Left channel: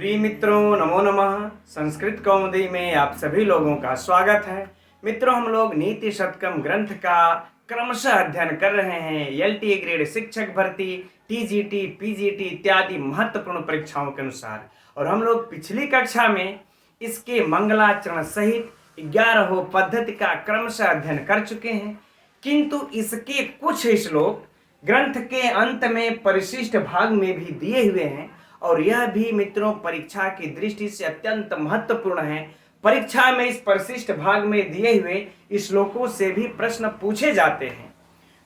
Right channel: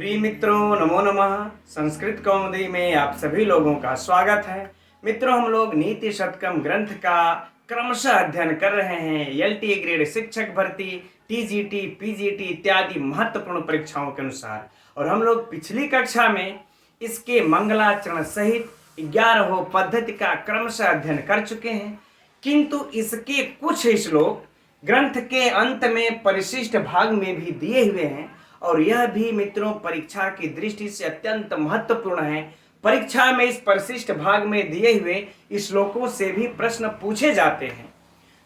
प्रिय मित्रों, नमो नमः। संस्कृत कौमुदी में आप सभी लोगों का स्वागत है। मित्रों, हम लोग नीति शतकम ग्रंथ का क्रमशः अध्ययन कर रहे हैं। एलटी ग्रेड शिक्षक भर्ती, टीजीटी, पीजीटी इत्यादि महत्वपूर्ण परीक्षाओं के अनुसार। और हम लोग पिछली कक्षा में इसके मंगलाचरण सहित 11 पद्धति का क्रमशः अध्ययन कर चुके हैं, किंतु इसके कुछ श्लोक ग्रंथ के अंत में परिशिष्ट भाग में भी दिए हुए हैं और यह भी मित्रों परीक्षा की दृष्टि से अत्यंत महत्वपूर्ण है। परीक्षा में इस परिशिष्ट भाग में दिए हुए श्लोकों से भी प्रश्न पूछे जाते हैं,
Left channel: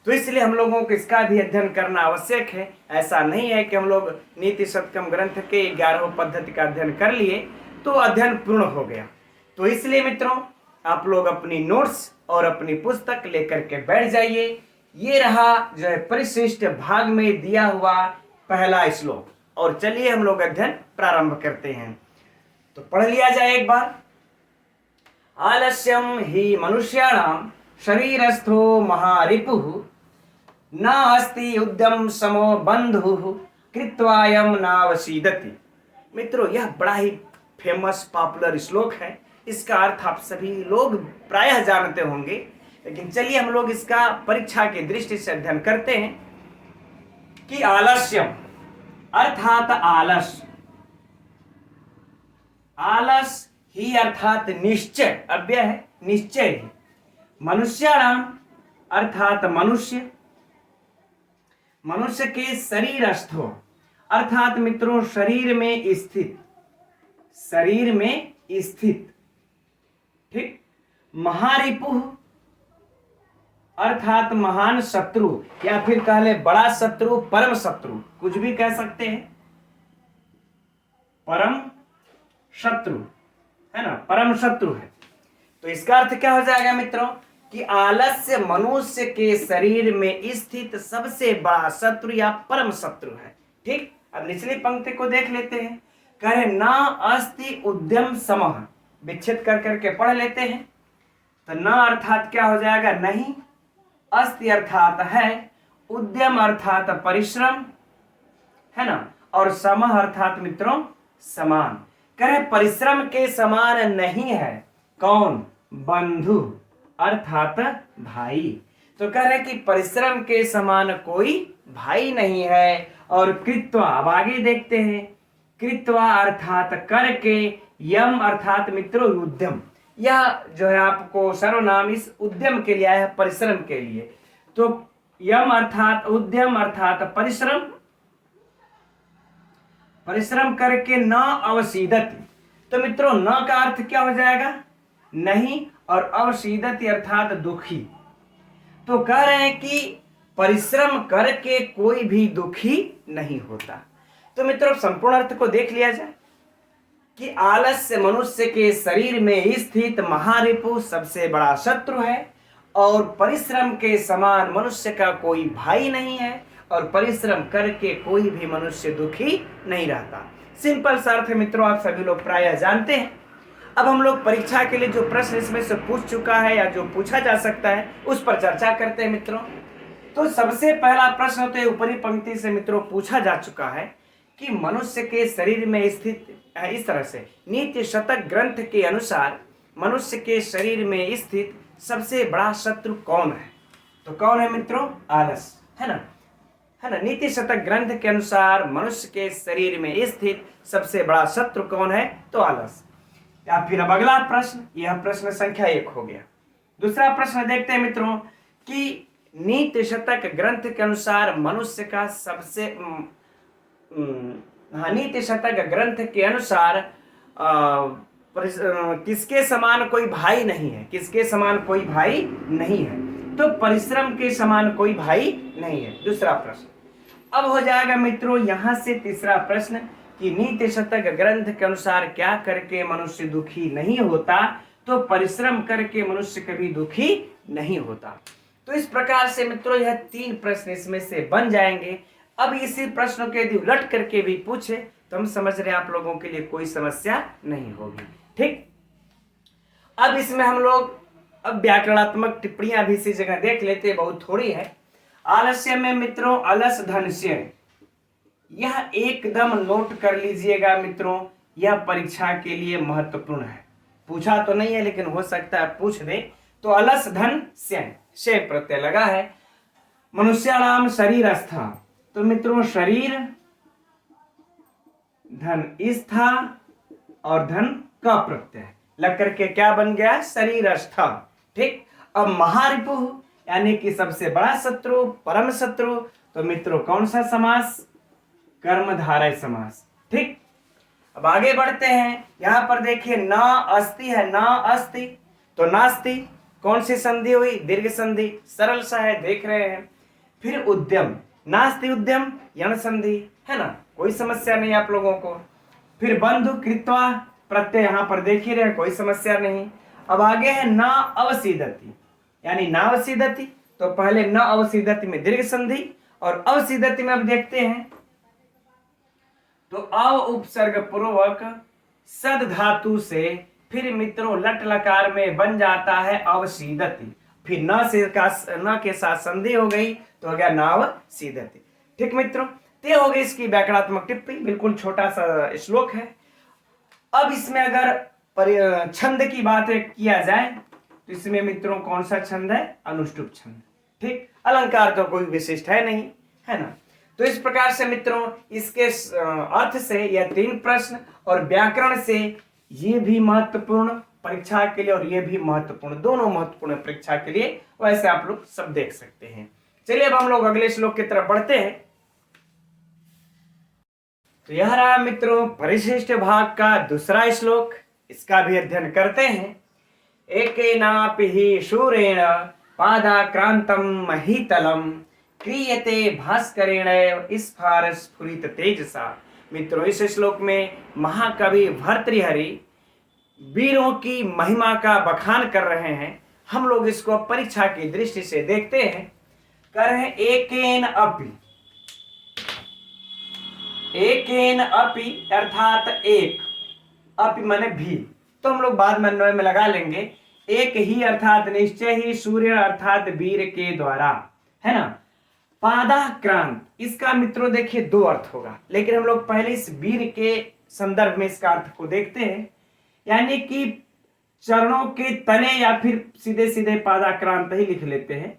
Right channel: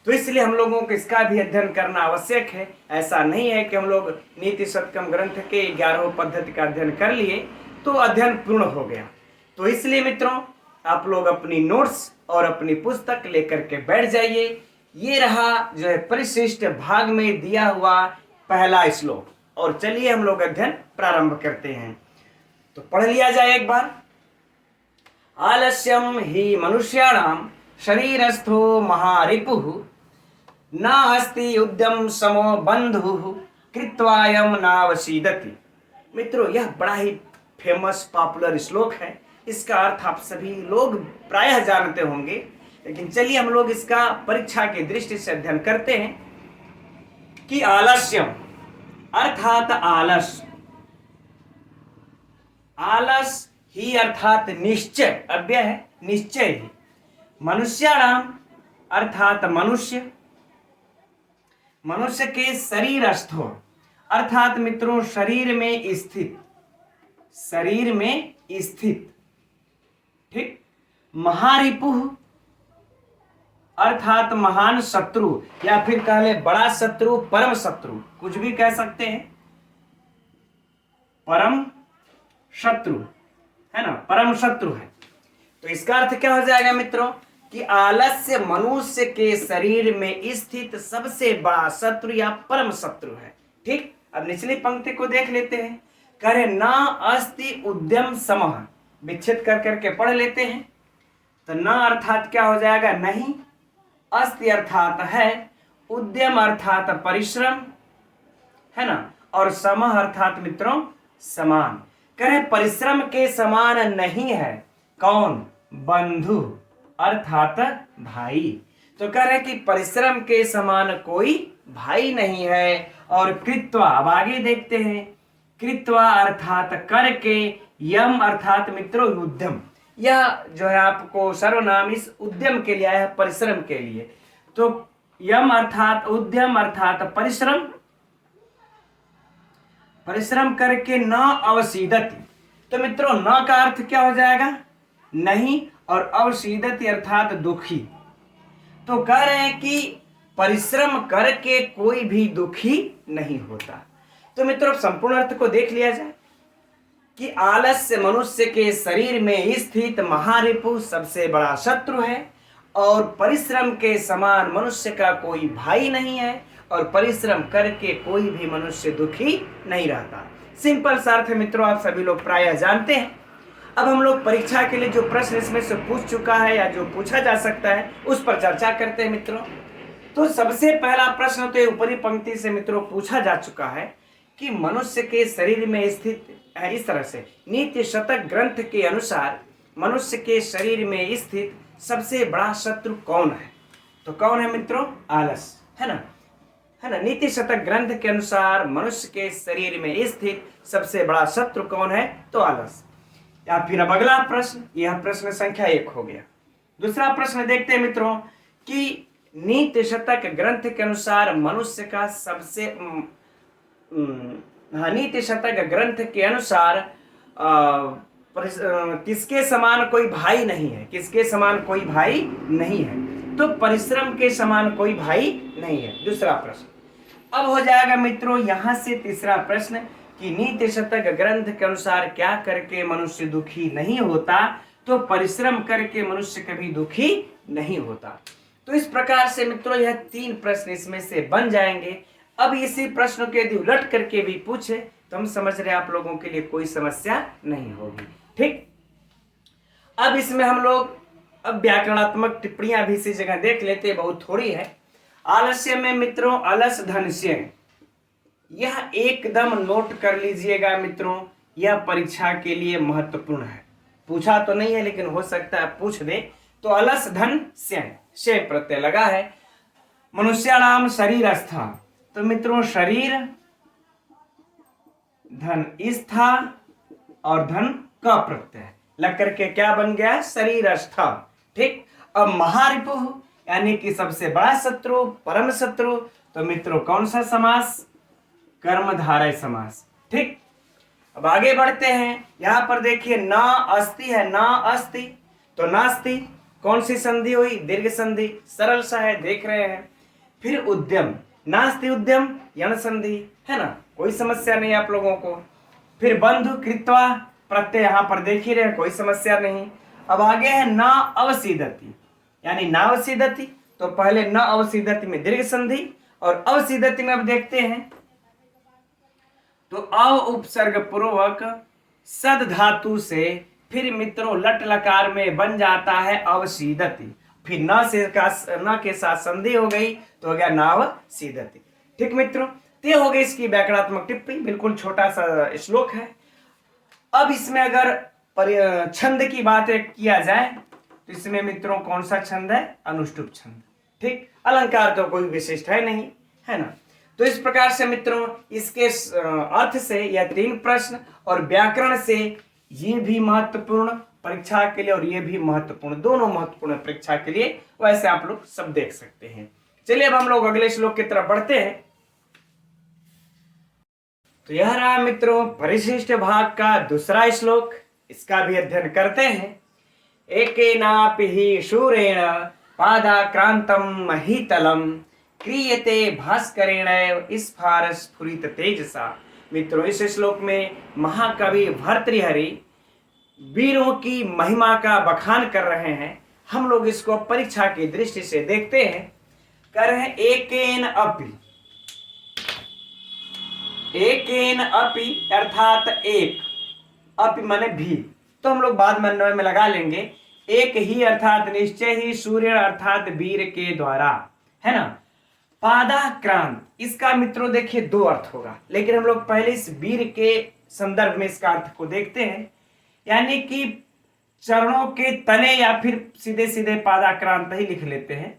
तो इसलिए हम लोगों को इसका भी अध्ययन करना आवश्यक है। ऐसा नहीं है कि हम लोग नीति शतकम ग्रंथ के 11 पद्धति का अध्ययन कर लिए तो अध्ययन पूर्ण हो गया। तो इसलिए मित्रों आप लोग अपनी नोट्स और अपनी पुस्तक लेकर के बैठ जाइए। ये रहा जो है परिशिष्ट भाग में दिया हुआ पहला श्लोक, और चलिए हम लोग अध्ययन प्रारंभ करते हैं। तो पढ़ लिया जाए एक बार। आलस्यम ही मनुष्याणाम शरीरस्थो महारिपुः न अस्ति उद्यम समो बंधुः कृत्वायम नावसीदति। मित्रों यह बड़ा ही फेमस पॉपुलर श्लोक है। इसका अर्थ आप सभी लोग प्रायः जानते होंगे, लेकिन चलिए हम लोग इसका परीक्षा की दृष्टि से अध्ययन करते हैं कि आलस्यम अर्थात आलस, आलस ही अर्थात निश्चय, अव्यय है निश्चय ही। मनुष्याणाम अर्थात मनुष्य, मनुष्य के शरीरस्थो अर्थात मित्रों शरीर में स्थित, शरीर में स्थित, ठीक। महारिपुः अर्थात महान शत्रु, या फिर कह ले बड़ा शत्रु, परम शत्रु, कुछ भी कह सकते हैं। परम शत्रु है ना, परम शत्रु है। तो इसका अर्थ क्या हो जाएगा मित्रों कि आलस्य मनुष्य के शरीर में स्थित सबसे बड़ा शत्रु या परम शत्रु है, ठीक। अब निचली पंक्ति को देख लेते हैं। कहे ना अस्ति उद्यम समः, विच्छेद कर करके पढ़ लेते हैं। तो ना अर्थात क्या हो जाएगा नहीं, अस्ति अर्थात है, उद्यम अर्थात परिश्रम है ना, और समः अर्थात मित्रों समान। करे परिश्रम के समान नहीं है कौन, बंधु अर्थात भाई। तो कह रहे कि परिश्रम के समान कोई भाई नहीं है। और कृत्वा, अब आगे देखते हैं। कृत्वा अर्थात करके, यम अर्थात मित्रों उद्यम, यह जो है आपको सर्वनाम इस उद्यम के लिए है, परिश्रम के लिए। तो यम अर्थात उद्यम अर्थात परिश्रम, परिश्रम करके न अवसीदति। तो मित्रों न का अर्थ क्या हो जाएगा नहीं, और अवसीदति अर्थात दुखी। तो कह रहे हैं कि परिश्रम करके कोई भी दुखी नहीं होता। तो मित्रों संपूर्ण अर्थ को देख लिया जाए कि आलस्य मनुष्य के शरीर में स्थित महारिपु सबसे बड़ा शत्रु है, और परिश्रम के समान मनुष्य का कोई भाई नहीं है, और परिश्रम करके कोई भी मनुष्य दुखी नहीं रहता। सिंपल सा अर्थ है मित्रों, आप सभी लोग प्रायः जानते हैं। अब हम लोग परीक्षा के लिए जो प्रश्न इसमें से पूछ चुका है या जो पूछा जा सकता है उस पर चर्चा करते हैं मित्रों। तो सबसे पहला प्रश्न तो ऊपरी पंक्ति से मित्रों पूछा जा चुका है कि मनुष्य के शरीर में स्थित है। इस तरह से नीति शतक ग्रंथ के अनुसार मनुष्य के शरीर में स्थित सबसे बड़ा शत्रु कौन है? तो कौन है मित्रों? आलस, है ना, है ना। नीति शतक ग्रंथ के अनुसार मनुष्य के शरीर में स्थित सबसे बड़ा शत्रु कौन है? तो आलस। या फिर अब अगला प्रश्न, यह प्रश्न संख्या 1 हो गया। दूसरा प्रश्न देखते हैं मित्रों कि नीति शतक ग्रंथ के अनुसार मनुष्य का सबसे नीति शतक ग्रंथ के अनुसार किसके समान कोई भाई नहीं है? किसके समान कोई भाई नहीं है? तो परिश्रम के समान कोई भाई नहीं है। दूसरा प्रश्न अब हो जाएगा मित्रों यहां से तीसरा प्रश्न कि नीति शतक ग्रंथ के अनुसार क्या करके मनुष्य दुखी नहीं होता? तो परिश्रम करके मनुष्य कभी दुखी नहीं होता। तो इस प्रकार से मित्रों यह 3 प्रश्न इसमें से बन जाएंगे। अब इसी प्रश्न के यदि उलट करके भी पूछे तो हम समझ रहे हैं आप लोगों के लिए कोई समस्या नहीं होगी, ठीक। अब इसमें हम लोग अब व्याकरणात्मक टिप्पणियां भी इसी जगह देख लेते हैं, बहुत थोड़ी है। आलस्य में मित्रों अलस धनस्य, यह एकदम नोट कर लीजिएगा मित्रों यह परीक्षा के लिए महत्वपूर्ण है। पूछा तो नहीं है लेकिन हो सकता है पूछ दे। तो अलस धन से प्रत्यय लगा है। मनुष्याणाम शरीरस्था, तो मित्रों शरीर धन स्था और धन का प्रत्यय लग करके क्या बन गया, शरीरस्थ। ठीक। अब महारिपु यानी कि सबसे बड़ा शत्रु, परम शत्रु, तो मित्रों कौन सा समास, कर्मधारय समास। ठीक। अब आगे बढ़ते हैं। यहां पर देखिए न अस्ति है, न अस्ति तो नास्ति, कौन सी संधि हुई, दीर्घ संधि, सरल सा है, देख रहे हैं। फिर उद्यम, नास्ति उद्यम, यण संधि है ना, कोई समस्या नहीं आप लोगों को। फिर बंधु कृत्वा प्रत्यय यहां पर देख ही रहे, कोई समस्या नहीं। अब आगे है न अवसीदति, यानी न अवसीदति, तो पहले न अवसीदति में दीर्घ संधि और अवसीदति में अब देखते हैं तो अव उपसर्ग पूर्वक सद धातु से फिर मित्रों लट लकार में बन जाता है अवसीदति। फिर न के साथ संधि हो गई तो हो गया नाव सीदति। ठीक मित्रों, ते हो गई इसकी व्याकरणात्मक टिप्पणी, बिल्कुल छोटा सा श्लोक है। अब इसमें अगर छंद की बात किया जाए तो इसमें मित्रों कौन सा छंद है, अनुष्टुप छंद। ठीक। अलंकार तो कोई विशिष्ट है नहीं, है ना। तो इस प्रकार से मित्रों इसके अर्थ से यह 3 प्रश्न और व्याकरण से ये भी महत्वपूर्ण परीक्षा के लिए और ये भी महत्वपूर्ण, दोनों महत्वपूर्ण परीक्षा के लिए, वैसे आप लोग सब देख सकते हैं। चलिए अब हम लोग अगले श्लोक की तरफ बढ़ते हैं। तो यह रहा मित्रों परिशिष्ट भाग का दूसरा श्लोक, इसका भी अध्ययन करते हैं। एकेनापि हि शूरेण पादाक्रांतं महीतलम क्रियते भास्करेण स्फारस्फुरित तेजसा। मित्रों इस श्लोक में महाकवि भर्तृहरि वीरों की महिमा का बखान कर रहे हैं। हम लोग इसको परीक्षा की दृष्टि से देखते हैं। कर रहे हैं एकेन अपि, एकेन अपि अर्थात एक, अपि माने भी, तो हम लोग बाद में अन्वय में लगा लेंगे। एक ही अर्थात निश्चय ही, सूर्य अर्थात वीर के द्वारा, है ना। पादाक्रांत, इसका मित्रों देखिए 2 अर्थ होगा, लेकिन हम लोग पहले इस वीर के संदर्भ में इसका अर्थ को देखते हैं। यानी कि चरणों के तले, या फिर सीधे सीधे पादाक्रांत ही लिख लेते हैं,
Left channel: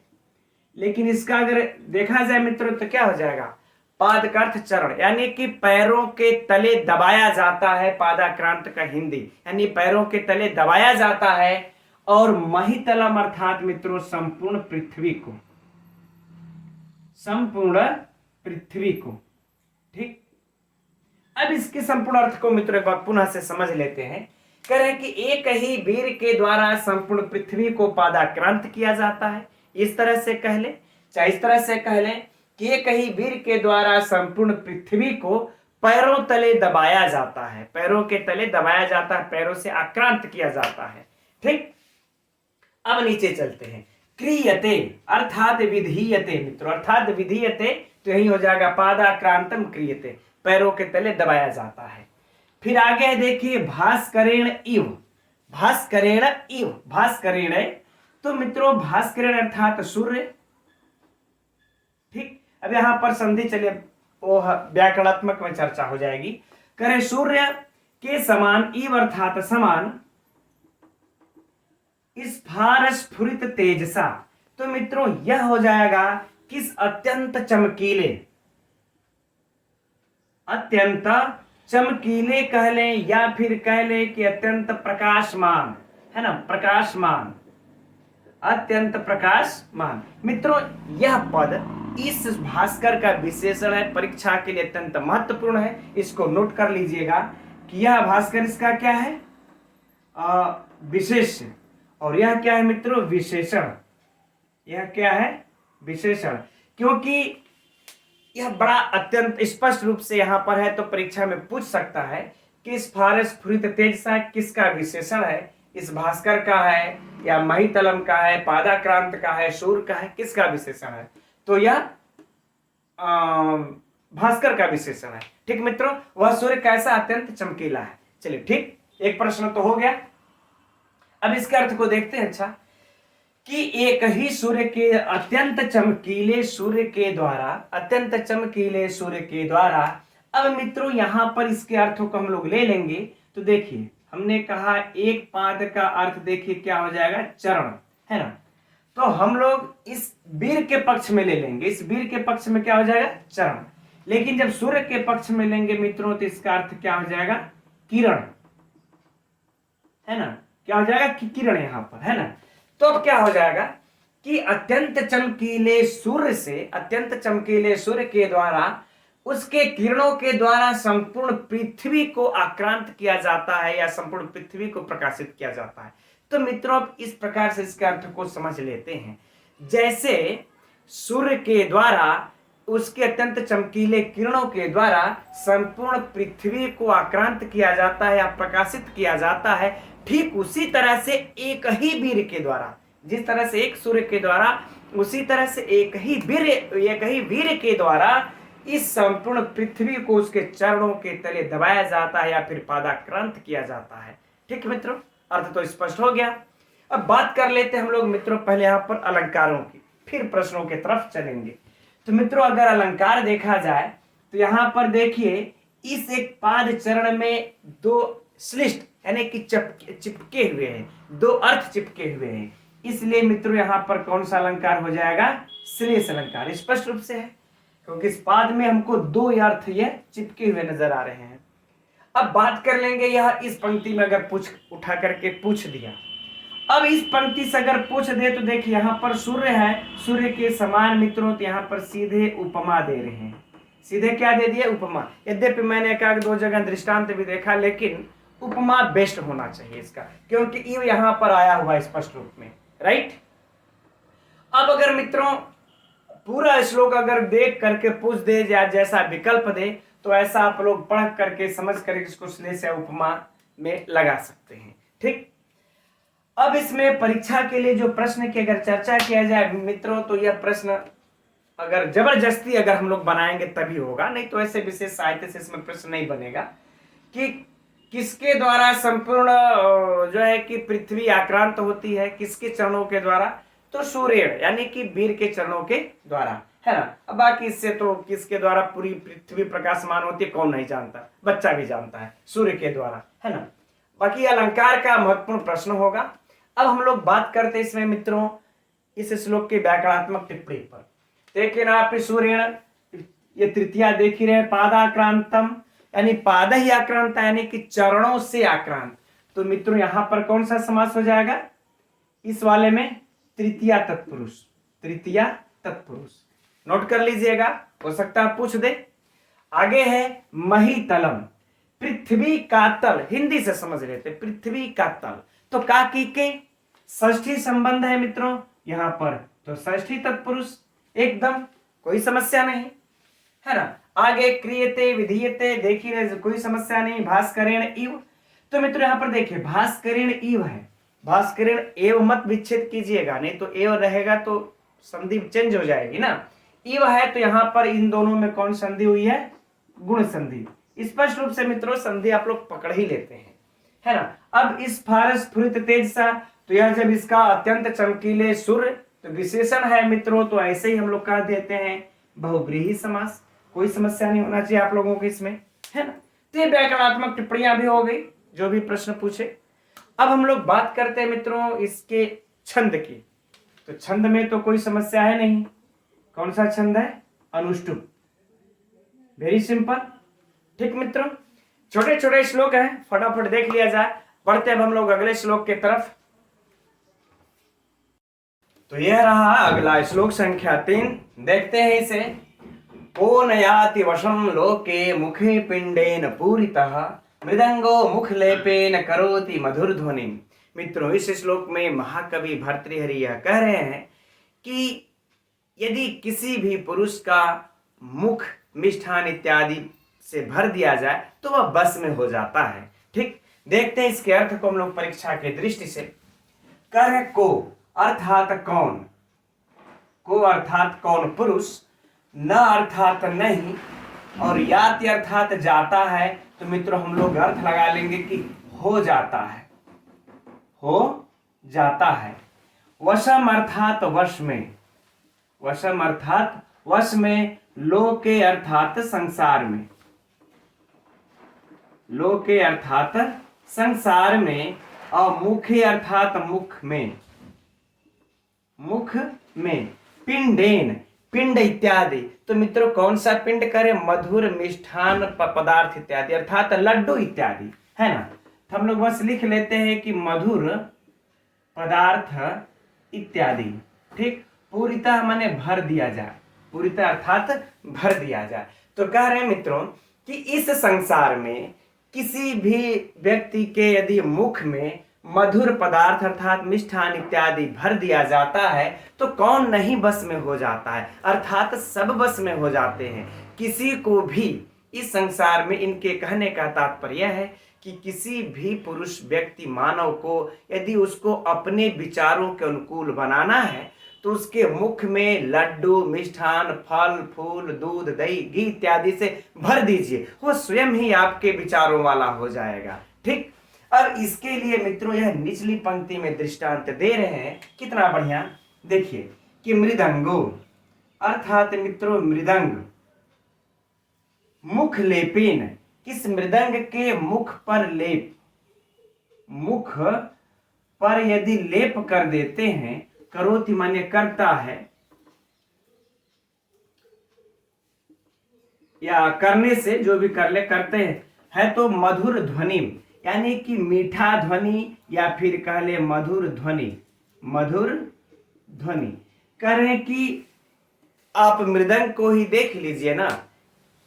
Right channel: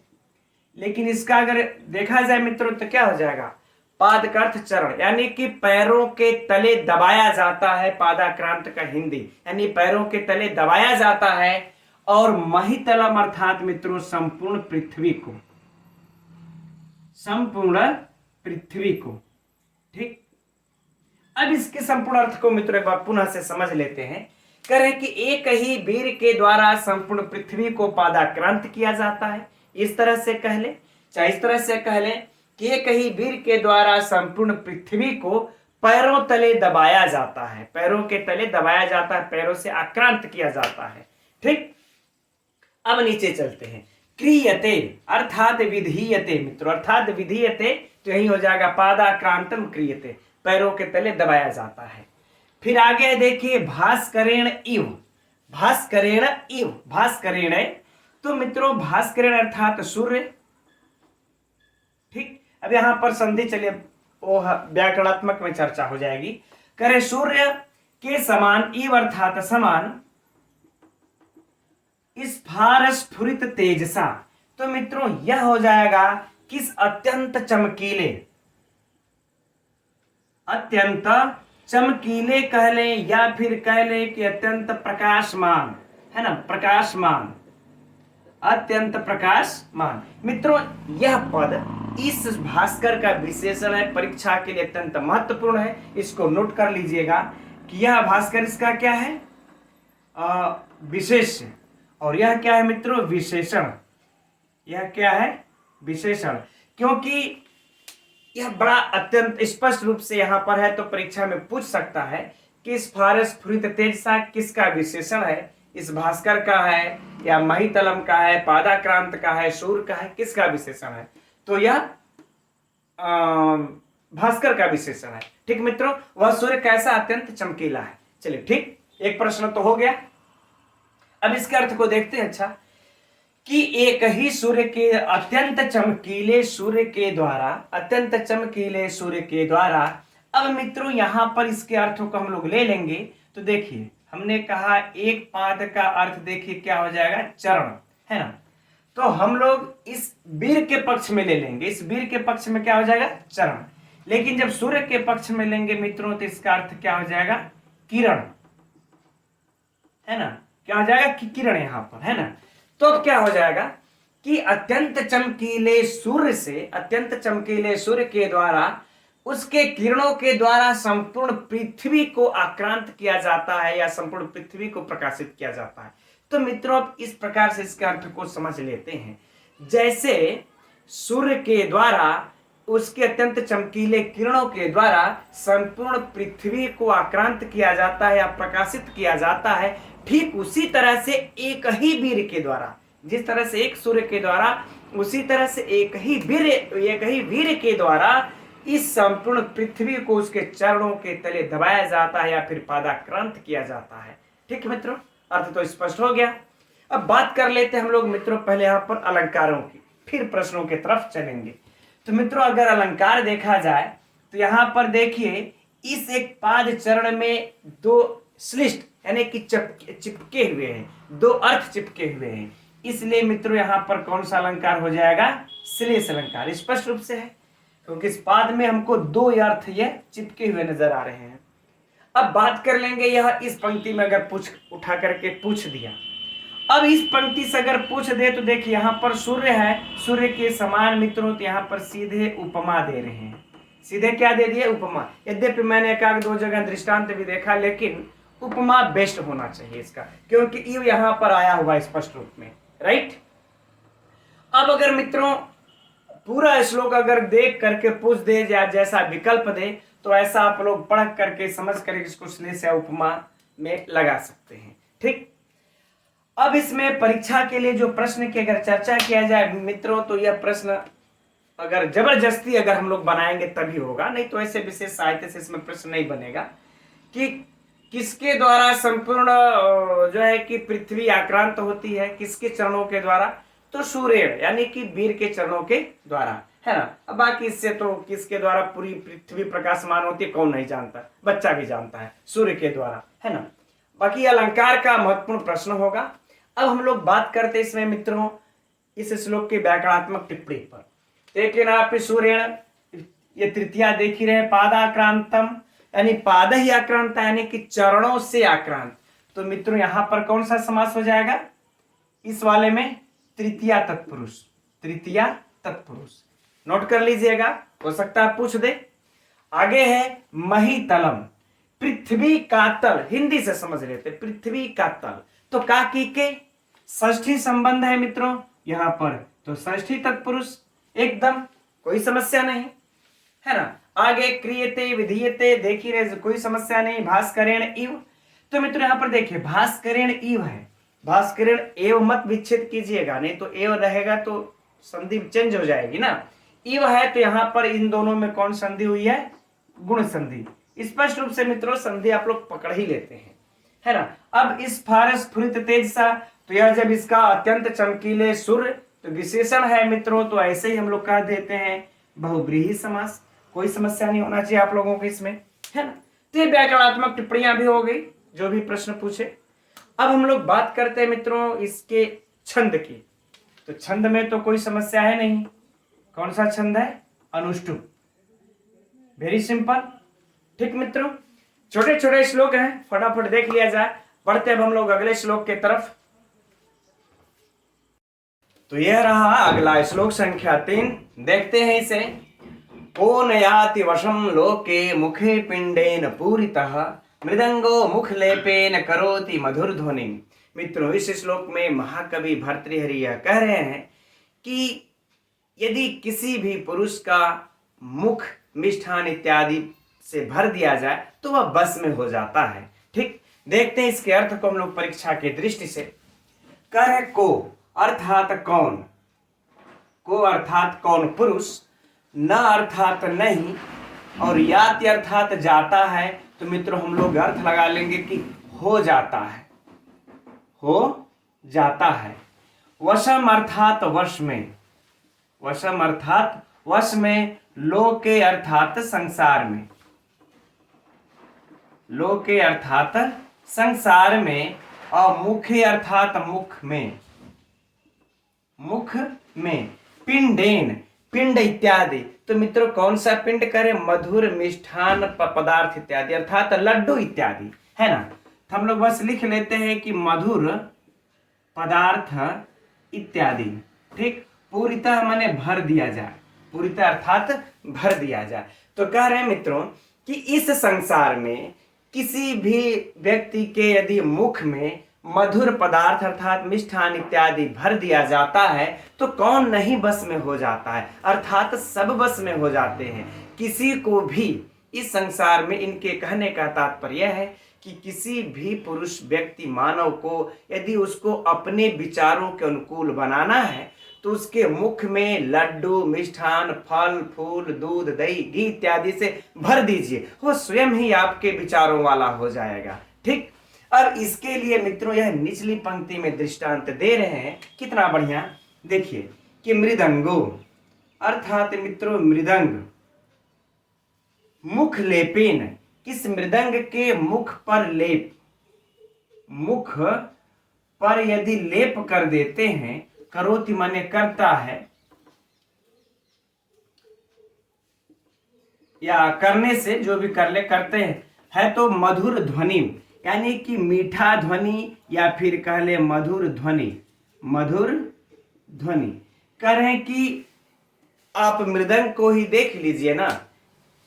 लेकिन इसका अगर देखा जाए मित्रों तो क्या हो जाएगा, पाद का अर्थ चरण, यानी कि पैरों के तले दबाया जाता है। पादाक्रांत का हिंदी यानी पैरों के तले दबाया जाता है। और महितलम अर्थात मित्रों संपूर्ण पृथ्वी को, संपूर्ण पृथ्वी को। ठीक। अब इसके संपूर्ण अर्थ को मित्रों एक बार पुनः से समझ लेते हैं। कह रहे कि एक ही वीर के द्वारा संपूर्ण पृथ्वी को पादाक्रांत किया जाता है, इस तरह से कह ले, चाहे इस तरह से कह ले कि एक ही वीर के द्वारा संपूर्ण पृथ्वी को पैरों तले दबाया जाता है, पैरों के तले दबाया जाता है, पैरों से आक्रांत किया जाता है। ठीक। अब नीचे चलते हैं। क्रियते अर्थात विधीयते, मित्रों अर्थात विधीयते तो यही हो जाएगा पादाक्रांतम क्रियते, पैरों के तले दबाया जाता है। फिर आगे देखिए भास्करेण इव, भास्करेण इव, भास्करेण, तो मित्रों भास्करेण अर्थात सूर्य। ठीक। अब यहां पर संधि चलिए वो व्याकरणात्मक में चर्चा हो जाएगी। करे सूर्य के समान, इव अर्थात समान, स्फारस्फुरित तेजसा, तो मित्रों यह हो जाएगा किस अत्यंत चमकीले, अत्यंत चमकीले कह लें या फिर कह लें कि अत्यंत प्रकाशमान, है ना, प्रकाशमान, अत्यंत प्रकाशमान। मित्रों यह पद इस भास्कर का विशेषण है, परीक्षा के लिए अत्यंत महत्वपूर्ण है। इसको नोट कर लीजिएगा कि यह भास्कर इसका क्या है, विशेष, और यह क्या है मित्रों, विशेषण। यह क्या है, विशेषण, क्योंकि यह बड़ा अत्यंत स्पष्ट रूप से यहां पर है, तो परीक्षा में पूछ सकता है कि स्फारस्फुरित तेजसा किसका विशेषण है, इस भास्कर का है या महितलम का है, पादाक्रांत का है, सूर्य का है, किसका विशेषण है, तो यह भास्कर का विशेषण है। ठीक मित्रों, वह सूर्य कैसा, अत्यंत चमकीला है। चलिए ठीक, एक प्रश्न तो हो गया। अब इसके अर्थ को देखते हैं। अच्छा, कि एक ही सूर्य के अत्यंत चमकीले सूर्य के द्वारा, अत्यंत चमकीले सूर्य के द्वारा अब मित्रों यहाँ पर इसके अर्थों को हम लोग ले लेंगे। तो देखिए हमने कहा एक पाद का अर्थ देखिए क्या हो जाएगा, चरण, है ना। तो हम लोग इस वीर के पक्ष में ले लेंगे, इस वीर के पक्ष में क्या हो जाएगा, चरण। लेकिन जब सूर्य के पक्ष में लेंगे मित्रों तो इसका अर्थ क्या हो जाएगा, किरण, है ना। क्या हो जाएगा कि किरण यहां पर, है ना। तो अब क्या हो जाएगा कि अत्यंत चमकीले सूर्य से, अत्यंत चमकीले सूर्य के द्वारा, उसके किरणों के द्वारा संपूर्ण पृथ्वी को आक्रांत किया जाता है या संपूर्ण पृथ्वी को प्रकाशित किया जाता है। तो मित्रों अब इस प्रकार से इसके अर्थ को समझ लेते हैं। जैसे सूर्य के द्वारा, उसके अत्यंत चमकीले किरणों के द्वारा संपूर्ण पृथ्वी को आक्रांत किया जाता है या प्रकाशित किया जाता है, ठीक उसी तरह से एक ही वीर के द्वारा, जिस तरह से एक सूर्य के द्वारा, उसी तरह से एक ही वीर के द्वारा इस संपूर्ण पृथ्वी को उसके चरणों के तले दबाया जाता है या फिर पादाक्रांत किया जाता है। ठीक मित्रों, अर्थ तो स्पष्ट हो गया। अब बात कर लेते हैं हम लोग मित्रों पहले यहाँ पर अलंकारों की, फिर प्रश्नों की तरफ चलेंगे। तो मित्रों अगर अलंकार देखा जाए तो यहाँ पर देखिए इस एक पाद चरण में दो श्लिष्ट यानी कि चिपके हुए हैं, दो अर्थ चिपके हुए हैं, इसलिए मित्रों यहाँ पर कौन सा अलंकार हो जाएगा, श्लेष अलंकार। स्पष्ट रूप से है क्योंकि इस पाद में हमको दो अर्थ ये चिपके हुए नजर आ रहे हैं। अब बात कर लेंगे यह इस पंक्ति में अगर उठा करके पूछ दिया, अब इस पंक्ति से अगर पूछ दे तो देखिए यहाँ पर सूर्य है, सूर्य के समान मित्रों तो यहाँ पर सीधे उपमा दे रहे हैं। सीधे क्या दे दिए, उपमा। यद्यपि मैंने एक दो जगह दृष्टांत भी देखा, लेकिन उपमा बेस्ट होना चाहिए इसका, क्योंकि इव यहाँ पर आया हुआ स्पष्ट रूप में, राइट। अब अगर मित्रों पूरा श्लोक अगर देख करके पूछ दे या जैसा विकल्प दे तो ऐसा आप लोग पढ़ करके समझ करके इसको श्लेष या उपमा में लगा सकते हैं। ठीक, अब इसमें परीक्षा के लिए जो प्रश्न की अगर चर्चा किया जाए मित्रों तो यह प्रश्न अगर जबरदस्ती अगर हम लोग बनाएंगे तभी होगा, नहीं तो ऐसे विशेष साहित्य से इसमें प्रश्न नहीं बनेगा कि किसके द्वारा संपूर्ण जो है कि पृथ्वी आक्रांत होती है, किसके चरणों के द्वारा, तो सूर्य यानी कि वीर के चरणों के द्वारा, है ना। अब बाकी इससे तो किसके द्वारा पूरी पृथ्वी प्रकाशमान होती है कौन नहीं जानता, बच्चा भी जानता है, सूर्य के द्वारा, है ना। बाकी अलंकार का महत्वपूर्ण प्रश्न होगा। अब हम लोग बात करते हैं इसमें मित्रों इस श्लोक की व्याकरणात्मक टिप्पणी पर। देखिए ना आप सूर्य, ये तृतीया देख ही रहे, पादाक्रांतम यानी पाद ही आक्रांत यानी कि चरणों से आक्रांत। तो मित्रों यहां पर कौन सा समास हो जाएगा, इस वाले में तृतीया तत्पुरुष, तृतीया तत्पुरुष नोट कर लीजिएगा, हो सकता है पूछ दे। आगे है महितलम, पृथ्वी का तल, हिंदी से समझ लेते, पृथ्वी का तल। तो काकी के षष्ठी संबंध है मित्रों यहां पर, तो षष्ठी तत्पुरुष, एकदम कोई समस्या नहीं, है ना। आगे क्रियते विधीयते, देखिए रहे कोई समस्या नहीं, भास्करेण इव। तो मित्रों यहां पर देखिए भास्करेण इव है, भास्करेण एव मत विच्छेद कीजिएगा, नहीं तो एव रहेगा तो संधि चेंज हो जाएगी ना। इव है तो यहां पर इन दोनों में कौन संधि हुई है, गुण संधि। स्पष्ट रूप से मित्रों संधि आप लोग पकड़ ही लेते हैं, है ना। अब इस फारस स्फुरित तेज सा, तो यह जब इसका अत्यंत चमकीले सूर्य तो विशेषण है मित्रों, तो ऐसे ही हम लोग कह देते हैं बहुव्रीहि समास, कोई समस्या नहीं होना चाहिए आप लोगों को इसमें, है ना। तो ये व्याकरणात्मक टिप्पणियां भी हो गई जो भी प्रश्न पूछे। अब हम लोग बात करते हैं मित्रों इसके छंद की। तो छंद में तो कोई समस्या है नहीं, कौन सा छंद है, अनुष्टुप, वेरी सिंपल। ठीक मित्रों, छोटे छोटे श्लोक हैं, फटाफट देख लिया जाए। बढ़ते अब हम लोग अगले श्लोक के तरफ। तो यह रहा अगला श्लोक संख्या 3, देखते हैं इसे। को नयाति वशम लोके मुखे पिंडेन पूरितः मृदंगो मुखलेपेन करोति मधुर ध्वनि। मित्रों इस श्लोक में महाकवि भर्तृहरि यह कह रहे हैं कि यदि किसी भी पुरुष का मुख मिष्ठान इत्यादि से भर दिया जाए तो वह बस में हो जाता है। ठीक, देखते हैं इसके अर्थ को हम लोग परीक्षा के दृष्टि से। कर को अर्थात कौन, को अर्थात कौन पुरुष, न अर्थात नहीं, और याति अर्थात जाता है। तो मित्रों हम लोग अर्थ लगा लेंगे कि हो जाता है, हो जाता है। वशम अर्थात वश में, वशम अर्थात वश में, लोके अर्थात संसार में, लोके अर्थात संसार में, और मुखे अर्थात मुख में, मुख में, पिंडेन, पिंड इत्यादि। तो मित्रों कौन सा पिंड करे? मधुर मिष्ठान पदार्थ इत्यादि, अर्थात लड्डू इत्यादि, है ना। तो हम लोग बस लिख लेते हैं कि मधुर पदार्थ इत्यादि, ठीक। पूरितः माने भर दिया जाए, पूरितः अर्थात भर दिया जाए। तो कह रहे हैं मित्रों कि इस संसार में किसी भी व्यक्ति के यदि मुख में मधुर पदार्थ अर्थात मिष्ठान इत्यादि भर दिया जाता है तो कौन नहीं बस में हो जाता है, अर्थात सब बस में हो जाते हैं। किसी को भी इस संसार में, इनके कहने का तात्पर्य है कि किसी भी पुरुष व्यक्ति मानव को यदि उसको अपने विचारों के अनुकूल बनाना है तो उसके मुख में लड्डू, मिष्ठान, फल फूल, दूध, दही, घी इत्यादि से भर दीजिए, वो स्वयं ही आपके विचारों वाला हो जाएगा, ठीक। और इसके लिए मित्रों यह निचली पंक्ति में दृष्टांत दे रहे हैं, कितना बढ़िया। देखिए कि मृदंगो अर्थात मित्रों मृदंग मुख लेपेन, किस मृदंग के मुख पर लेप, मुख पर यदि लेप कर देते हैं, करोति माने करता है या करने से, जो भी कर ले करते हैं, है तो मधुर ध्वनि, यानी कि मीठा ध्वनि या फिर कह ले मधुर ध्वनि, मधुर ध्वनि। कह रहे हैं कि आप मृदंग को ही देख लीजिए ना,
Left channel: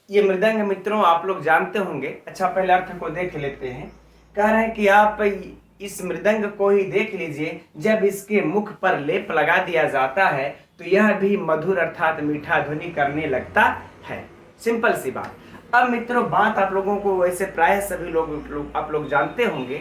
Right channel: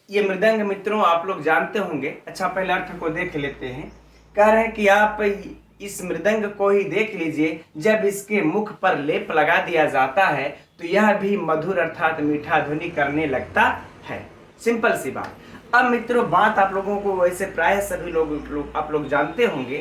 ये मृदंग मित्रों आप लोग जानते होंगे। अच्छा पहले अर्थ को देख लेते हैं। कह रहे हैं कि आप इस मृदंग को ही देख लीजिए, जब इसके मुख पर लेप लगा दिया जाता है तो यह भी मधुर अर्थात मीठा ध्वनि करने लगता है। सिंपल सी बात। अब मित्रों बात आप लोगों को वैसे प्राय सभी लोग आप लोग जानते होंगे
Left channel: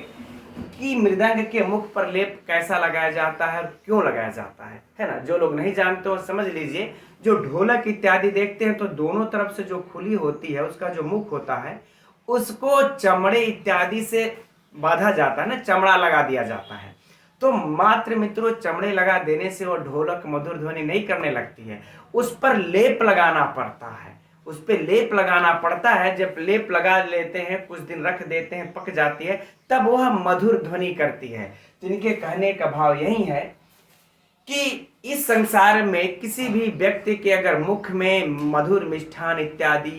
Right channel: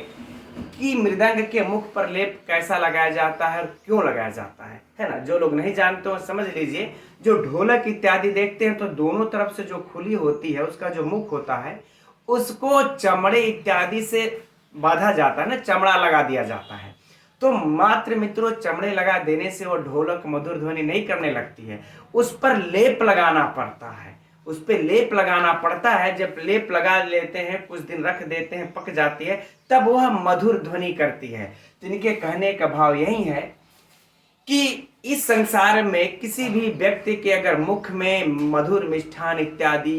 कि मृदंग के मुख पर लेप कैसा लगाया जाता है और क्यों लगाया जाता है ना। जो लोग नहीं जानते हो समझ लीजिए, जो ढोलक इत्यादि देखते हैं तो दोनों तरफ से जो खुली होती है उसका जो मुख होता है उसको चमड़े इत्यादि से बांधा जाता है ना, चमड़ा लगा दिया जाता है। तो मात्र मित्रों चमड़े लगा देने से वो ढोलक मधुर ध्वनि नहीं करने लगती है, उस पर लेप लगाना पड़ता है, उस पर लेप लगाना पड़ता है। जब लेप लगा लेते हैं, कुछ दिन रख देते हैं, पक जाती है, तब वह मधुर ध्वनि करती है। तो इनके कहने का भाव यही है कि इस संसार में किसी भी व्यक्ति के अगर मुख में मधुर मिष्ठान इत्यादि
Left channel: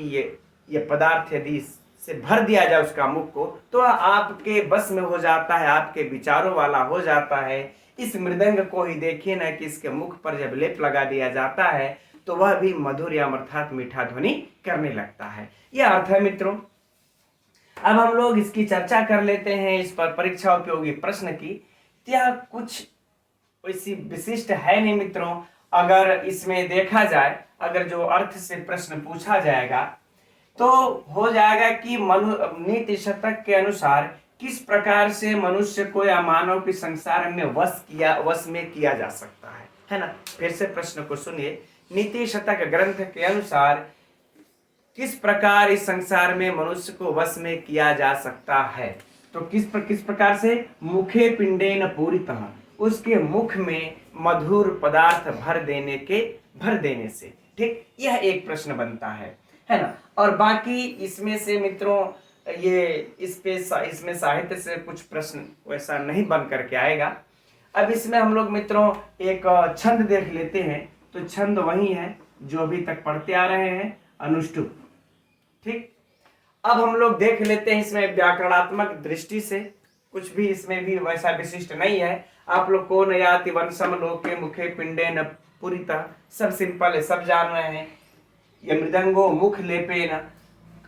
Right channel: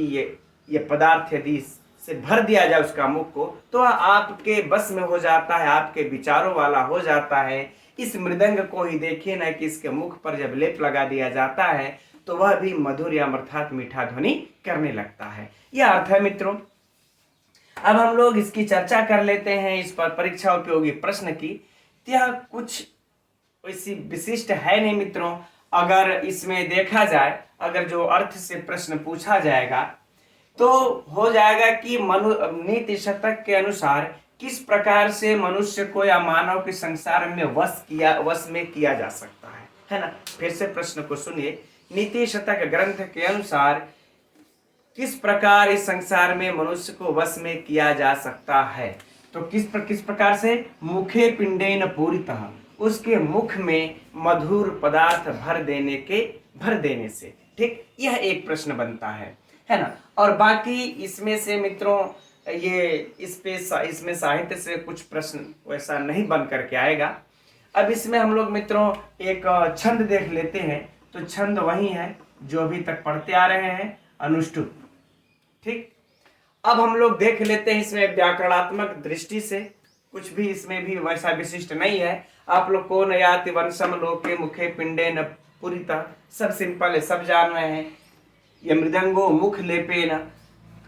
ये पदार्थ यदि से भर दिया जाए उसका मुख को, तो आपके बस में हो जाता है, आपके विचारों वाला हो जाता है। इस मृदंग को ही देखिए ना कि इसके मुख पर जब लेप लगा दिया जाता है तो वह भी मधुर या अर्थात मीठा ध्वनि करने लगता है। यह अर्थ है मित्रों। अब हम लोग इसकी चर्चा कर लेते हैं, इस पर परीक्षा उपयोगी प्रश्न की। यह कुछ वैसी विशिष्ट है नहीं मित्रों। अगर इसमें देखा जाए, अगर जो अर्थ से प्रश्न पूछा जाएगा तो हो जाएगा कि नीति शतक के अनुसार किस प्रकार से मनुष्य को या मानव के संसार में वश में किया जा सकता है ना। फिर से प्रश्न को सुनिए। नीति शतक ग्रंथ के अनुसार किस प्रकार इस संसार में मनुष्य को वश में किया जा सकता है? तो किस प्रकार से? मुखे पिंडेन पूरितः, उसके मुख में मधुर पदार्थ भर देने से, ठीक। यह एक प्रश्न बनता है ना। और बाकी इसमें से मित्रों ये इसमें साहित्य से कुछ प्रश्न वैसा नहीं बन करके आएगा। अब इसमें हम लोग मित्रों एक छंद देख लेते हैं। तो छंद वही है जो अभी तक पढ़ते आ रहे हैं, अनुष्टुप, ठीक। अब हम लोग देख लेते हैं इसमें व्याकरणात्मक दृष्टि से कुछ भी इसमें भी वैसा विशिष्ट नहीं है। आप लोग को नयाति वंशम लोके मुखे पिंडे न पुरिता, सब सिंपल है, सब जान रहे हैं। ये मृदंगो मुख लेपे न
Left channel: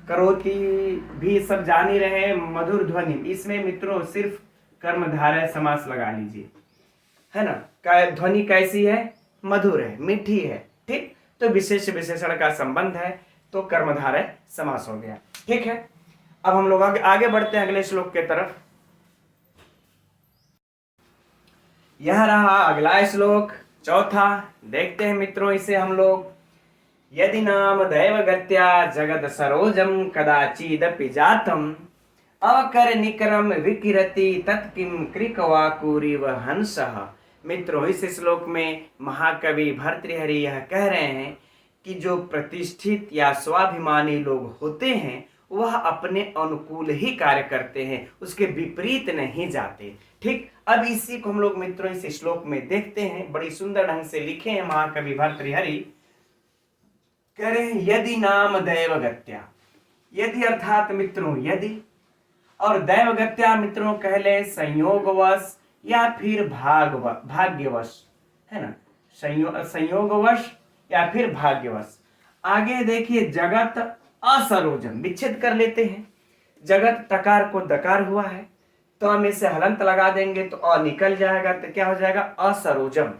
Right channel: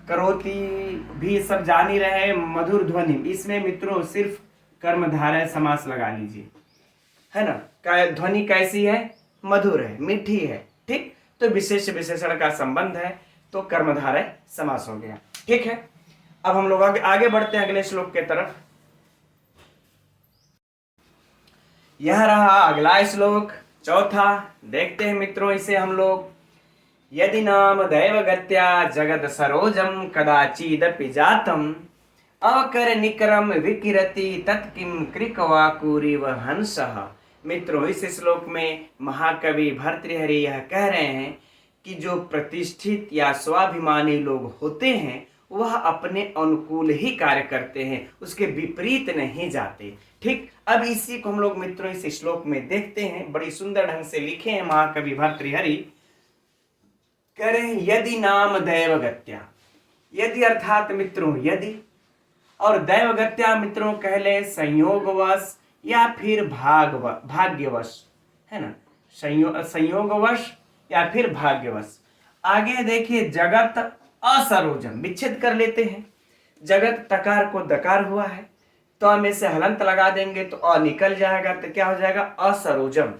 करोति भी सब जान ही रहे हैं, मधुर ध्वनि। इसमें मित्रों सिर्फ कर्मधारय समास लगा लीजिए, है ना। ध्वनि कैसी है? मधुर है, मीठी है, ठीक। तो विशेष विशेषण का संबंध है तो कर्मधारय समास हो गया, ठीक है। अब हम लोग आगे बढ़ते हैं अगले श्लोक के तरफ। यह रहा अगला श्लोक, चौथा। देखते हैं मित्रों इसे हम लोग। यदि नाम दैवगत्या जगद सरोजम कदाचिदपि जातम अकर निकरम विकिरति तत्किम कृकवाकुरिव हंसः। मित्रों इस श्लोक में महाकवि भर्तृहरि यह कह रहे हैं कि जो प्रतिष्ठित या स्वाभिमानी लोग होते हैं वह अपने अनुकूल ही कार्य करते हैं, उसके विपरीत नहीं जाते। ठीक, अब इसी को हम लोग मित्रों इस श्लोक में देखते हैं, बड़ी सुंदर ढंग से लिखे हैं महाकवि भर्तृहरि। कह रहे हैं यदि नाम दैवगत्या, यदि अर्थात मित्रों यदि, और दैवगत्या मित्रों कह ले संयोगवश या फिर भाग्यवश, है ना, संयोगवश या फिर भाग्यवश। आगे देखिए जगत असरोजम, विच्छेद कर लेते हैं। जगत तकार को दकार हुआ है, तो में से हलंत लगा देंगे तो अ निकल जाएगा, तो क्या हो जाएगा असरोजम।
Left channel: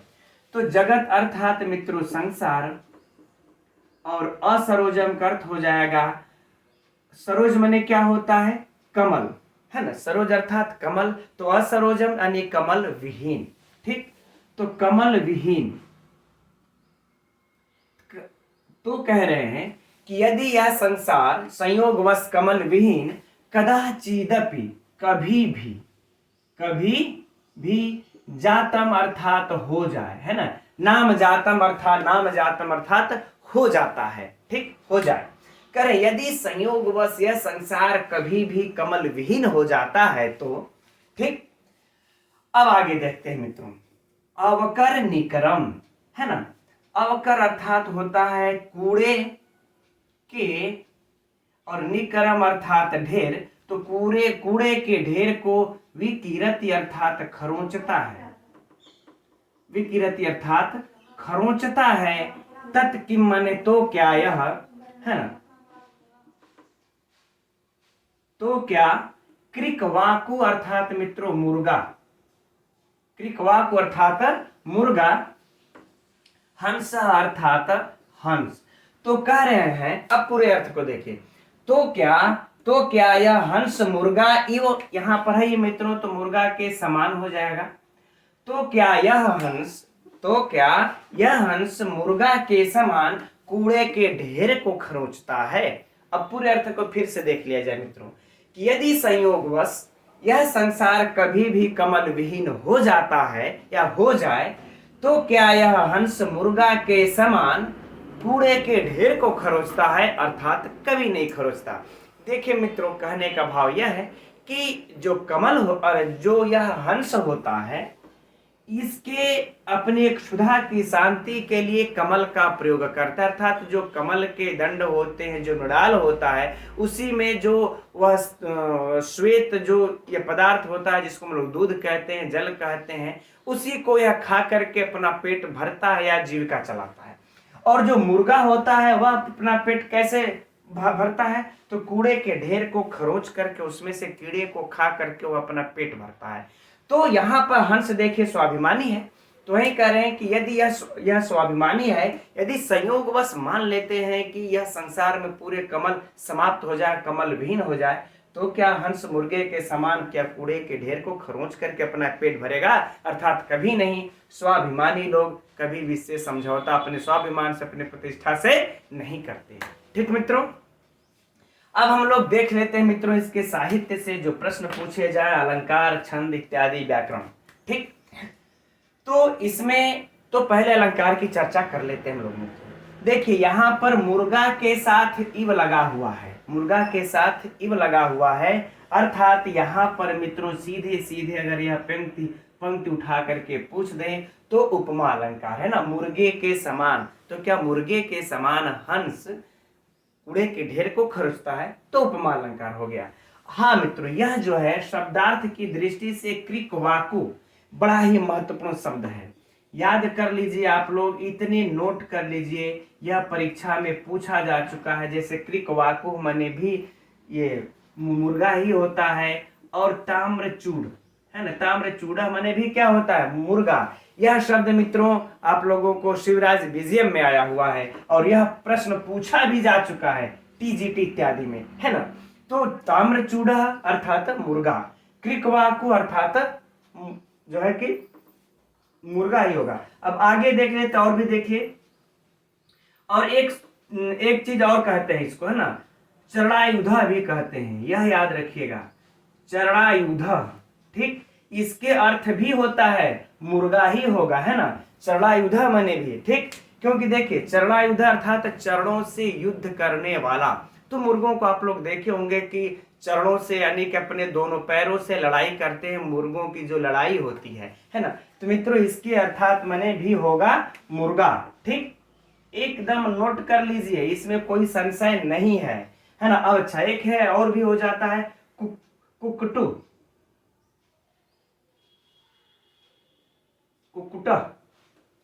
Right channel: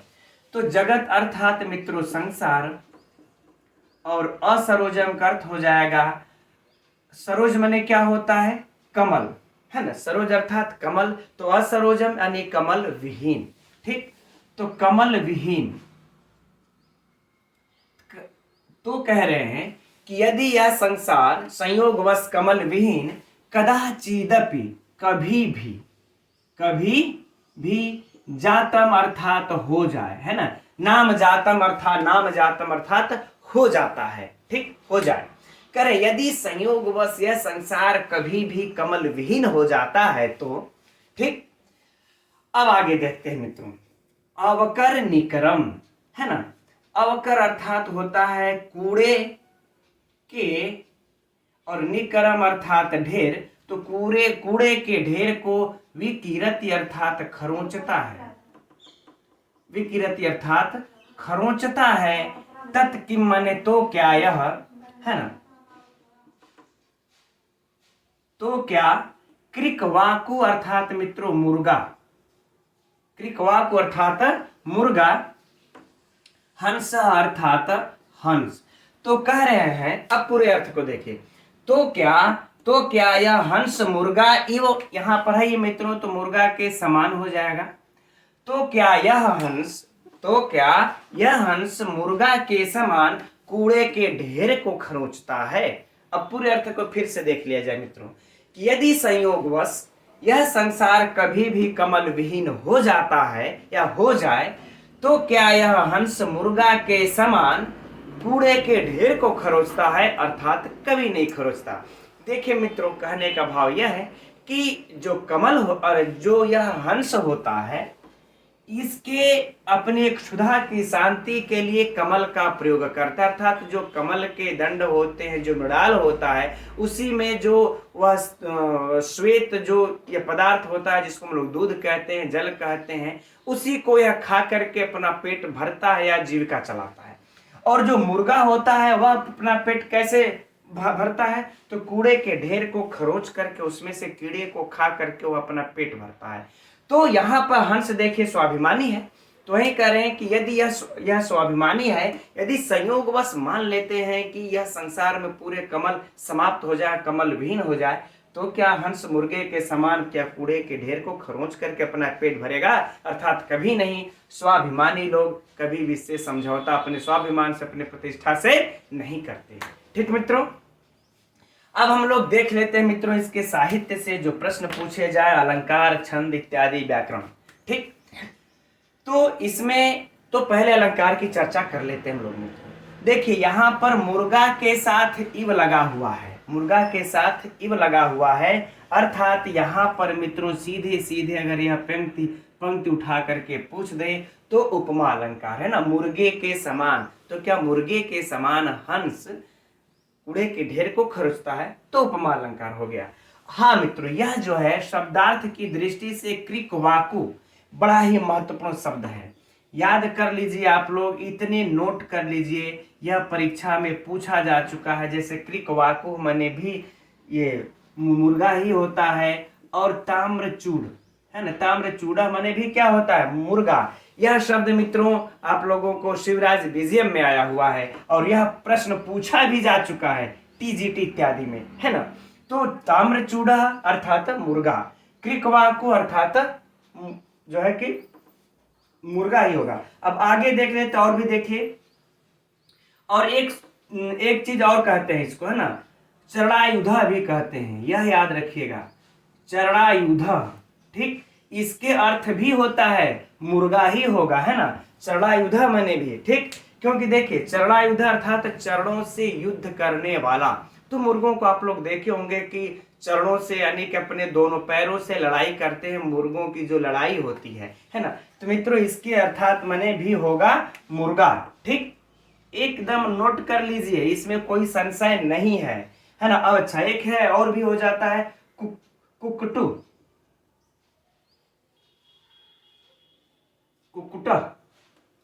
तो जगत अर्थात मित्रों संसार, और असरोजम का अर्थ हो जाएगा, सरोज माने क्या होता है कमल, है ना, सरोज अर्थात कमल, तो असरोजम यानी कमल विहीन। ठीक, तो कमल विहीन, तो कह रहे हैं कि यदि यह संसार संयोगवश कमल विहीन कदाचिदपि, कभी भी जातम अर्थात हो जाए, है ना, नाम जातम अर्थात हो जाता है। ठीक, हो जाए। करे यदि संयोगवश यह संसार कभी भी कमल विहीन हो जाता है तो, ठीक, अब आगे देखते हैं मित्रों, अवकर निकरम, है ना, अवकर अर्थात होता है कूड़े के, और निकरम अर्थात ढेर, तो कूड़े के ढेर को विकीरति अर्थात खरोंचता है, विकीरति अर्थात खरोंचता है। तत्किम माने तो क्या यह, है ना, तो क्या, क्रिकवाकु अर्थात मित्रों मुर्गा, क्रिकवाकु अर्थात मुर्गा, हंस अर्थात हंस। तो कह रहे हैं, अब पूरे अर्थ को देखिए, तो क्या यह हंस मुर्गा इव, यहां पर है ये मित्रों, तो मुर्गा के समान हो जाएगा। तो क्या यह हंस मुर्गा के समान कूड़े के ढेर को खरोंचता है। अब पूरे अर्थ को फिर से देख लिया जाए मित्रों, कि यदि संयोगवश यह संसार कभी भी कमल विहीन हो जाता है या हो जाए, तो क्या यह हंस मुर्गा के समान कूड़े के ढेर को खरोचता है, अर्थात कभी नहीं खरोचता। देखिए मित्रों, कहने का भाव यह है कि जो कमल हो और जो यह हंस होता है, इसके अपने क्षुधा की शांति के लिए कमल का प्रयोग करता है, अर्थात जो कमल के दंड होते हैं, जो मृणाल होता है, उसी में जो वह श्वेत जो यह पदार्थ होता है, जिसको हम लोग दूध कहते हैं, जल कहते हैं, उसी को यह खा करके अपना पेट भरता है या जीविका चलाता है। और जो मुर्गा होता है वह अपना पेट कैसे भरता है, तो कूड़े के ढेर को खरोच करके उसमें से कीड़े को खा करके वो अपना पेट भरता है। तो यहाँ पर हंस देखिए स्वाभिमानी है, तो वही कह रहे हैं कि यदि यह स्वाभिमानी है, यदि संयोगवश मान लेते हैं कि यह संसार में पूरे कमल समाप्त हो जाए, कमल विहीन हो जाए, तो क्या हंस मुर्गे के समान क्या कूड़े के ढेर को खरोंच करके अपना पेट भरेगा, अर्थात कभी नहीं। स्वाभिमानी लोग कभी भी से समझौता अपने स्वाभिमान से, अपने प्रतिष्ठा से नहीं करते। ठीक मित्रों, अब हम लोग देख लेते हैं मित्रों इसके साहित्य से जो प्रश्न पूछे जाए, अलंकार, छंद इत्यादि, व्याकरण। ठीक, तो इसमें तो पहले अलंकार की चर्चा कर लेते हैं हम लोग। देखिए यहाँ पर मुर्गा के साथ इव लगा हुआ है, मुर्गा के साथ इव लगा हुआ है, अर्थात यहाँ पर मित्रों सीधे सीधे अगर यह पंक्ति उठा करके पूछ दे तो उपमा अलंकार है ना, मुर्गे के समान। तो क्या मुर्गे के समान हंस कूड़े के ढेर को खरोचता है, तो उपमा अलंकार हो गया। हाँ मित्रों, यह जो है शब्दार्थ की दृष्टि से क्रिकवाकु बड़ा ही महत्वपूर्ण शब्द है, याद कर लीजिए आप लोग, इतने नोट कर लीजिए, यह परीक्षा में पूछा जा चुका है। जैसे क्रिकवाकु माने भी ये मुर्गा ही होता है, और ताम्रचूड़, है ना, ताम्रचूड़ा माने भी क्या होता है, मुर्गा। यह शब्द मित्रों आप लोगों को शिवराज विजयम में आया हुआ है, और यह प्रश्न पूछा भी जा चुका है टीजीटी इत्यादि में, है ना। तो ताम्रचूड़ा अर्थात मुर्गा, क्रिकवाकु अर्थात जो है कि मुर्गा ही होगा। अब आगे देख लेते और भी देखिए, और एक चीज और कहते हैं इसको, है ना, चरणायुधा भी कहते हैं, यह याद रखिएगा, चरणायुधा। ठीक, इसके अर्थ भी होता है मुर्गा ही होगा, है ना, चरणायुधा माने भी। ठीक, क्योंकि देखिए चरणायुधा अर्थात चरणों से युद्ध करने वाला, तो मुर्गों को आप लोग देखे होंगे कि चरणों से यानी कि अपने दोनों पैरों से लड़ाई करते हैं, मुर्गों की जो लड़ाई होती है ना। तो मित्रों इसके अर्थात मने भी होगा मुर्गा। ठीक, एकदम नोट कर लीजिए, इसमें कोई संशय नहीं है ना। अब अच्छा एक है और भी हो जाता है कुकटू, कुकुटा,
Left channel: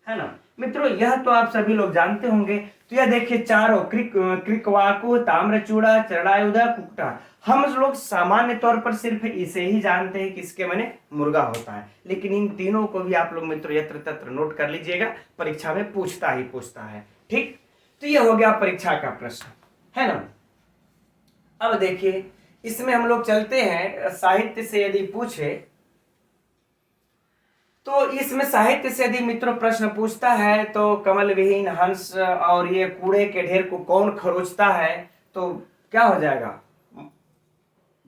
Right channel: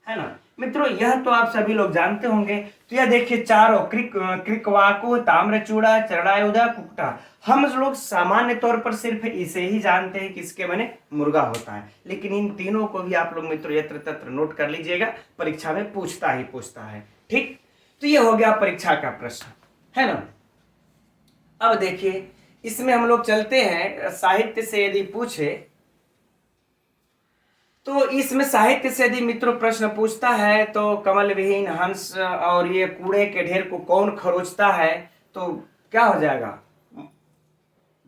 है ना मित्रों। यह तो आप सभी लोग जानते होंगे। तो यह देखिए चारों क्रिकवाकू, ताम्रचूड़ा, चरड़ायुधा, कुकटा, हम लोग सामान्य तौर पर सिर्फ इसे ही जानते हैं किसके माने मुर्गा होता है, लेकिन इन तीनों को भी आप लोग मित्रों यत्र तत्र नोट कर लीजिएगा, परीक्षा में पूछता ही पूछता है। ठीक, तो ये हो गया परीक्षा का प्रश्न, है ना। अब देखिए इसमें हम लोग चलते हैं साहित्य से, यदि पूछे तो इसमें साहित्य से यदि मित्रों प्रश्न पूछता है तो कमल विहीन हंस और ये कूड़े के ढेर को कौन खरोचता है, तो क्या हो जाएगा,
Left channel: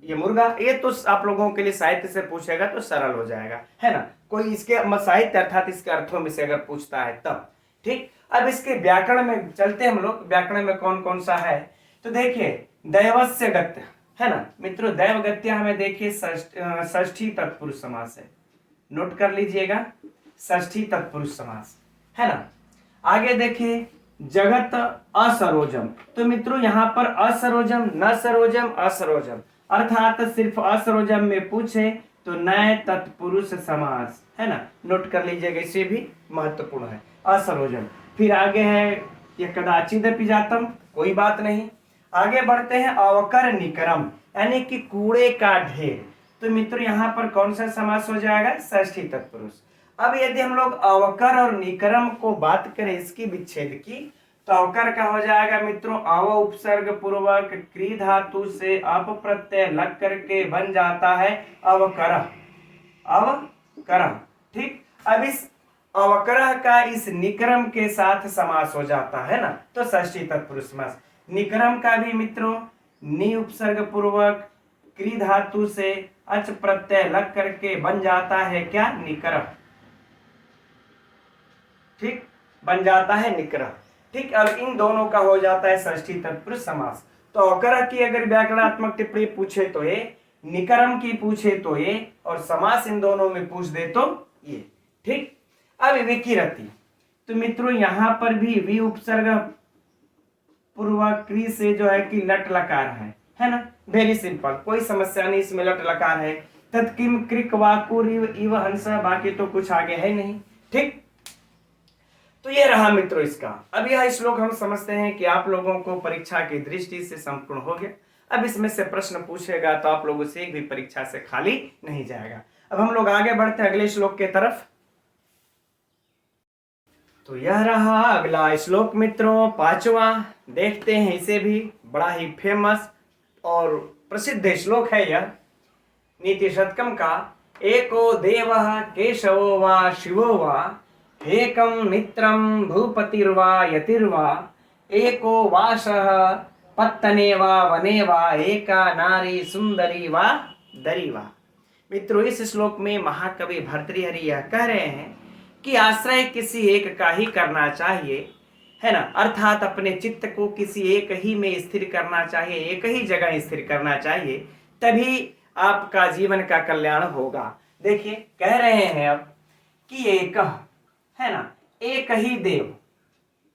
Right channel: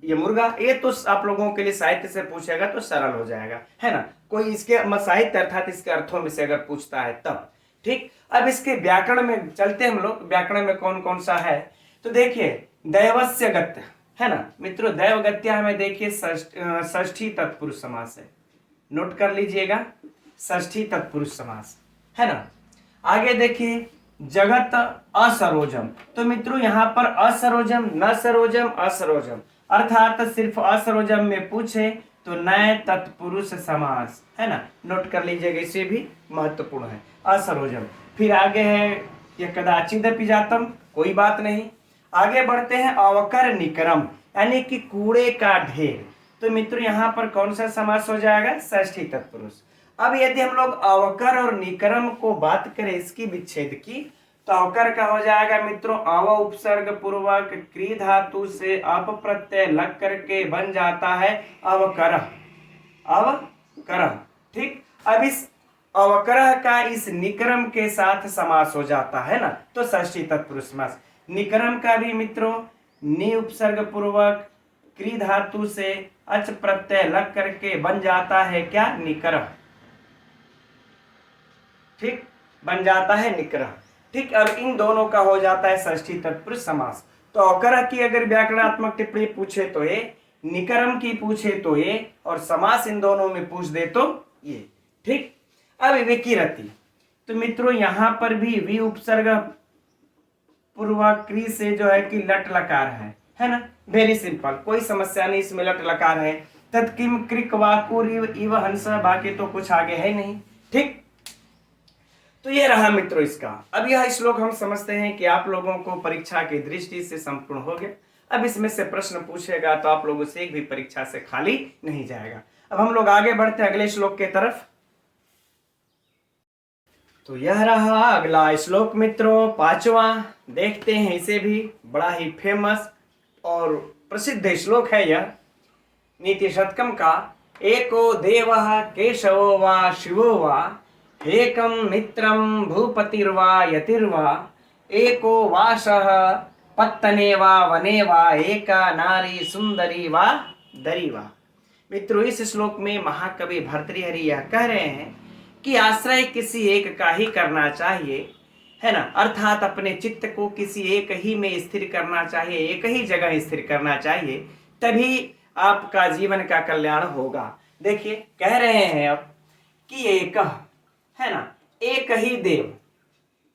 ये मुर्गा। ये तो आप लोगों के लिए साहित्य से पूछेगा तो सरल हो जाएगा, है ना। कोई इसके साहित्य अर्थात इसके अर्थों में से अगर पूछता है तब। ठीक, अब इसके व्याकरण में चलते हम लोग, व्याकरण में कौन कौन सा है। तो देखिए दैवस्य गत्य, है ना मित्रों, दैव गत्य हमें देखिए षष्ठी तत्पुरुष समास है, नोट कर लीजिएगा, षष्ठी तत्पुरुष समास, है ना। आगे देखिए जगत असरोजम, तो मित्रों यहां पर असरोजम, न सरोजम, असरोजम, अर्थात सिर्फ असरोजम में पूछे तो नए तत्पुरुष समास, है ना, नोट कर लीजिएगा, इसे भी महत्वपूर्ण है असरोजम। फिर आगे है ये कदाचिदपि जातम, कोई बात नहीं। आगे बढ़ते हैं अवकर निकरम, यानी कि कूड़े का ढेर, तो मित्रों यहाँ पर कौन सा समास हो जाएगा, षष्ठी तत्पुरुष। अब यदि हम लोग अवकर और निकरम को बात करें इसकी विच्छेद की, तो अवकर का हो जाएगा मित्रों अव उपसर्ग पूर्वक क्री धातु से अप प्रत्यय लग करके बन जाता है अवकर, अवकर। ठीक, अब इस अवकर का इस निकरम के साथ समास हो जाता है ना, तो षष्ठी तत्पुरुष समास। निकरम का भी मित्रों नि उपसर्ग पूर्वक क्री धातु से अच प्रत्यय लग करके बन जाता है क्या, निकरम। ठीक, बन जाता है निकरम। ठीक, अब इन दोनों का हो जाता है षष्ठी तत्पुरुष समास। तो अवकर की अगर व्याकरणात्मक टिप्पणी पूछे तो ये, निकरम की पूछे तो ये, और समास इन दोनों में पूछ दे तो ये। ठीक, अब विकिरति, तो मित्रों यहां पर भी वी उपसर्ग पूर्वक क्री से जो है कि लट लकार है ना, वेरी सिंपल, कोई समस्या नहीं, इसमें लट लकार है। तत्किम क्रिक वाकुर इव हंस, बाकी तो कुछ आगे है नहीं। ठीक, तो ये रहा मित्रों इसका। अब यह श्लोक हम समझते हैं कि आप लोगों को परीक्षा की दृष्टि से संपूर्ण हो गया। अब इसमें से प्रश्न पूछेगा तो आप लोगों से एक भी परीक्षा से खाली नहीं जाएगा। अब हम लोग आगे बढ़ते हैं अगले श्लोक के तरफ। तो यह रहा अगला श्लोक मित्रों, पांचवा। देखते हैं इसे भी, बड़ा ही फेमस और प्रसिद्ध श्लोक है यह, नीति शतकम का। एको देवः केशवो वा शिवो वा, एकम मित्रम भूपतिर्वा यतिर्वा, एको वासः पत्तने वा वने वा, एका नारी सुंदरी वा दरी वा। मित्रों इस श्लोक में महाकवि भर्तृहरि यह कह रहे हैं कि आश्रय किसी एक का ही करना चाहिए, है ना, अर्थात अपने चित्त को किसी एक ही में स्थिर करना चाहिए, एक ही जगह स्थिर करना चाहिए, तभी आपका जीवन का कल्याण होगा। देखिए कह रहे हैं अब कि एक, है ना, एक ही देव,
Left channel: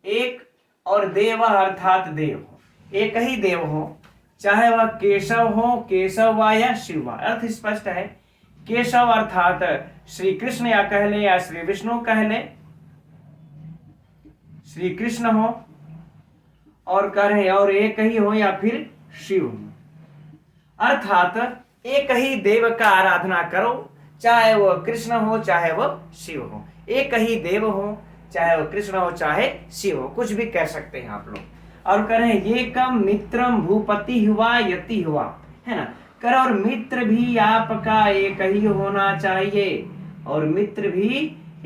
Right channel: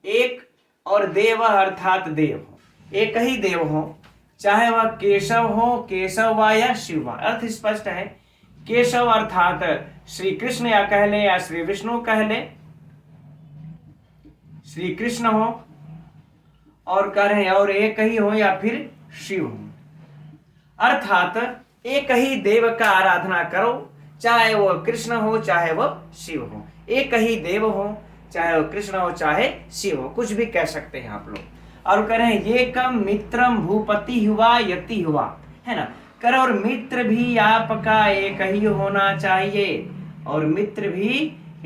एक और देव अर्थात देव हो, एक ही देव हो, चाहे वह केशव हो, केशव वा या शिव वा, अर्थ स्पष्ट है। केशव अर्थात श्री कृष्ण या कह ले या श्री विष्णु कह ले, श्री कृष्ण हो, और कह रहे और एक ही हो या फिर शिव हो, अर्थात एक ही देव का आराधना करो, चाहे वह कृष्ण हो चाहे वह शिव हो, एक ही देव हो, चाहे वह कृष्ण हो चाहे शिव हो, कुछ भी कह सकते हैं आप लोग। और कह रहे हैं ये कम मित्रम भूपति हुआ यति हुआ, है ना, कर और मित्र भी आपका एक ही होना चाहिए, और मित्र भी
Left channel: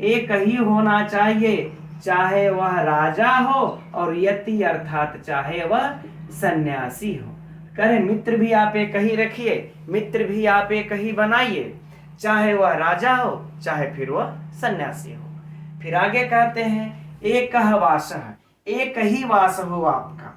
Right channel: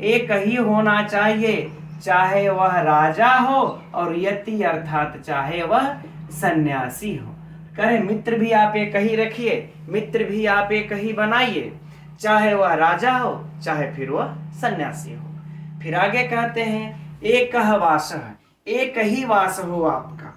एक ही होना चाहिए, चाहे वह राजा हो और यति अर्थात चाहे वह सन्यासी हो। करें मित्र भी आप एक ही रखिए, मित्र भी आप एक ही बनाइए, चाहे वह राजा हो चाहे फिर वह सन्यासी हो। फिर आगे कहते हैं एक वास, एक ही वास हो आपका,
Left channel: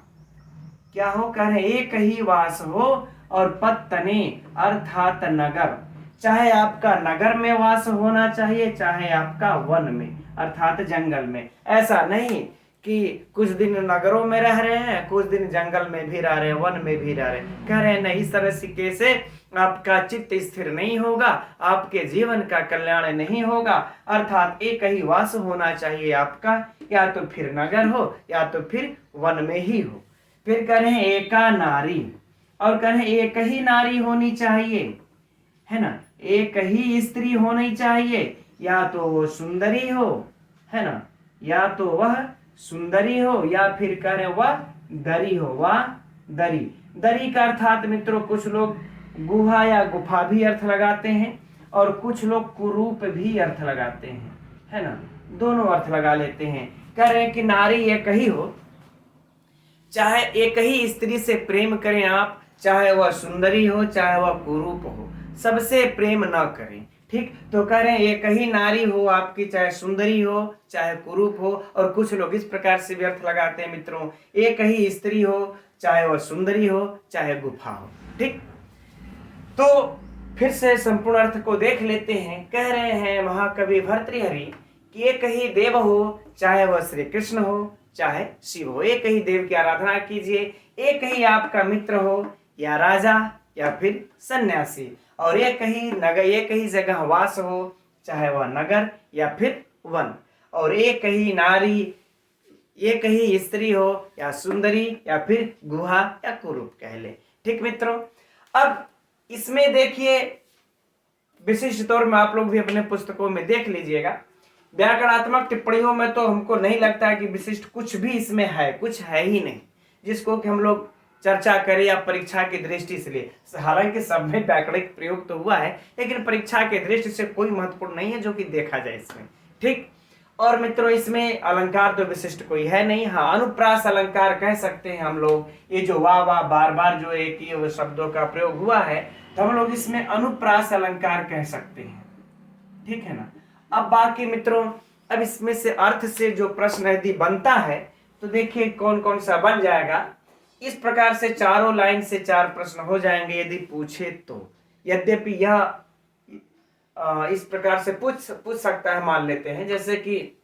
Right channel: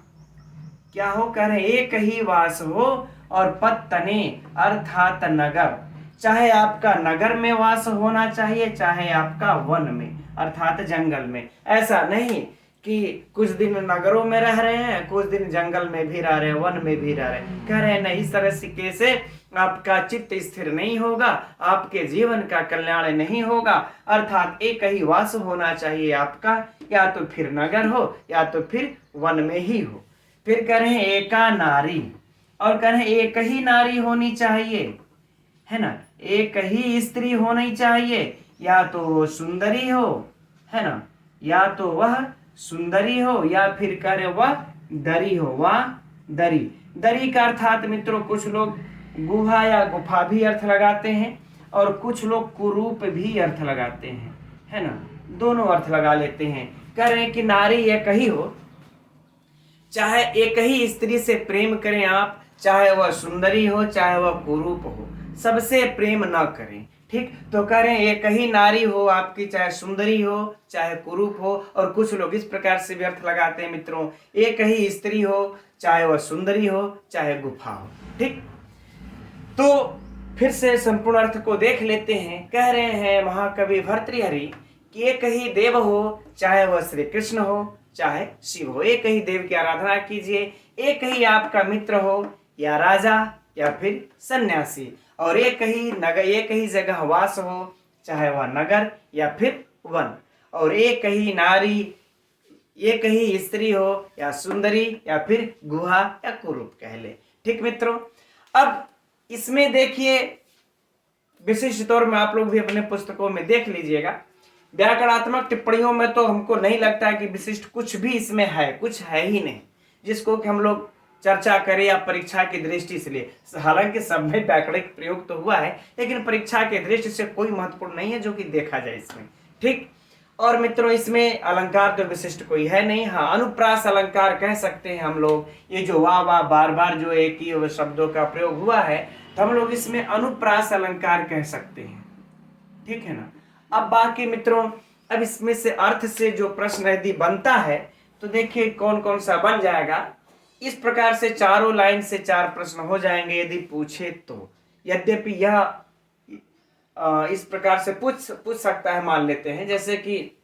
क्या हो, कह रहे एक ही वास हो और पत्तने अर्थात नगर, चाहे आपका नगर में वास होना चाहिए चाहे आपका वन में अर्थात जंगल में। ऐसा नहीं कि कुछ दिन नगरों में रह रहे हैं कुछ दिन जंगल में भी रह रहे हैं वन में भी रह रहे हैं। कह रहे हैं नहीं, इस तरह से आपका चित्त स्थिर नहीं होगा, आपके जीवन का कल्याण नहीं होगा। अर्थात एक ही वास होना चाहिए आपका, या तो फिर नगर हो या तो फिर वन में ही हो। फिर कह रहे हैं एका नारी, और कह रहे हैं एक ही नारी होनी चाहिए, है ना, एक ही स्त्री होनी चाहिए, या तो सुंदरी हो, है ना, या तो वह सुंदरी हो या फिर कह रहे वह दरी हो, वह दरी। दरी का अर्थात मित्रों कुछ लोग गुहा या गुफा भी अर्थ लगाते हैं और कुछ लोग कुरूप भी अर्थ लगाते हैं, है ना, दोनों अर्थ लगा लेते हैं। कह रहे हैं कि नारी एक ही हो, चाहे एक ही स्त्री से प्रेम करें आप, चाहे वह सुंदरी हो चाहे वह कुरूप हो, सबसे प्रेम न करें। ठीक, तो कह रहे हैं एक ही नारी हो आपकी, चाहे सुंदरी हो चाहे कुरूप हो। और कुछ लोग इस प्रकार से भी अर्थ लगाते हैं मित्रों, एक ही स्त्री हो चाहे वह सुंदरी हो चाहे गुफा हो। ठीक, तो फिर से संपूर्ण अर्थ को देख लेते हैं। कह रहे हैं महाकवि भर्तृहरि कि एक ही देव हो, चाहे वह श्री कृष्ण हो चाहे शिव हो, एक ही देव की आराधना कीजिए। एक ही आपका मित्र हो, या राजा या फिर सन्यासी, और एक ही जगह वास हो, चाहे वह नगर या फिर वन, और एक ही नारी, एक ही स्त्री हो या सुंदरी या फिर गुहा या कुरूप कह ले। ठीक मित्रों, अब इसमें देखिए विशिष्ट तौर में आप लोग भी अपने पुस्तकों में देख लीजिएगा, व्याकरणात्मक टिप्पणियों में तो हमको नहीं लगता है कि विशिष्ट कुछ भी इसमें है, कुछ है ही नहीं जिसको कि हम लोग चर्चा करें या परीक्षा की दृष्टि से ले। हालांकि सब में व्याकरणिक प्रयोग तो हुआ है, लेकिन परीक्षा की दृष्टि से कोई महत्वपूर्ण नहीं है जो कि देखा जाए इसमें। ठीक, और मित्रों इसमें अलंकार तो विशिष्ट कोई है नहीं। हाँ, अनुप्रास अलंकार कह सकते हैं हम लोग, ये जो वाह वाह बार बार जो एक ही शब्दों का प्रयोग हुआ है तो हम लोग इसमें अनुप्रास अलंकार कह सकते हैं। ठीक है ना। अब बाकी मित्रों, अब इसमें से अर्थ से जो प्रश्न यदि बनता है तो देखिए कौन कौन सा बन जाएगा। इस प्रकार से चारों लाइन से 4 प्रश्न हो जाएंगे यदि पूछे तो। यद्यपि यह इस प्रकार से पूछ सकता है, मान लेते हैं जैसे कि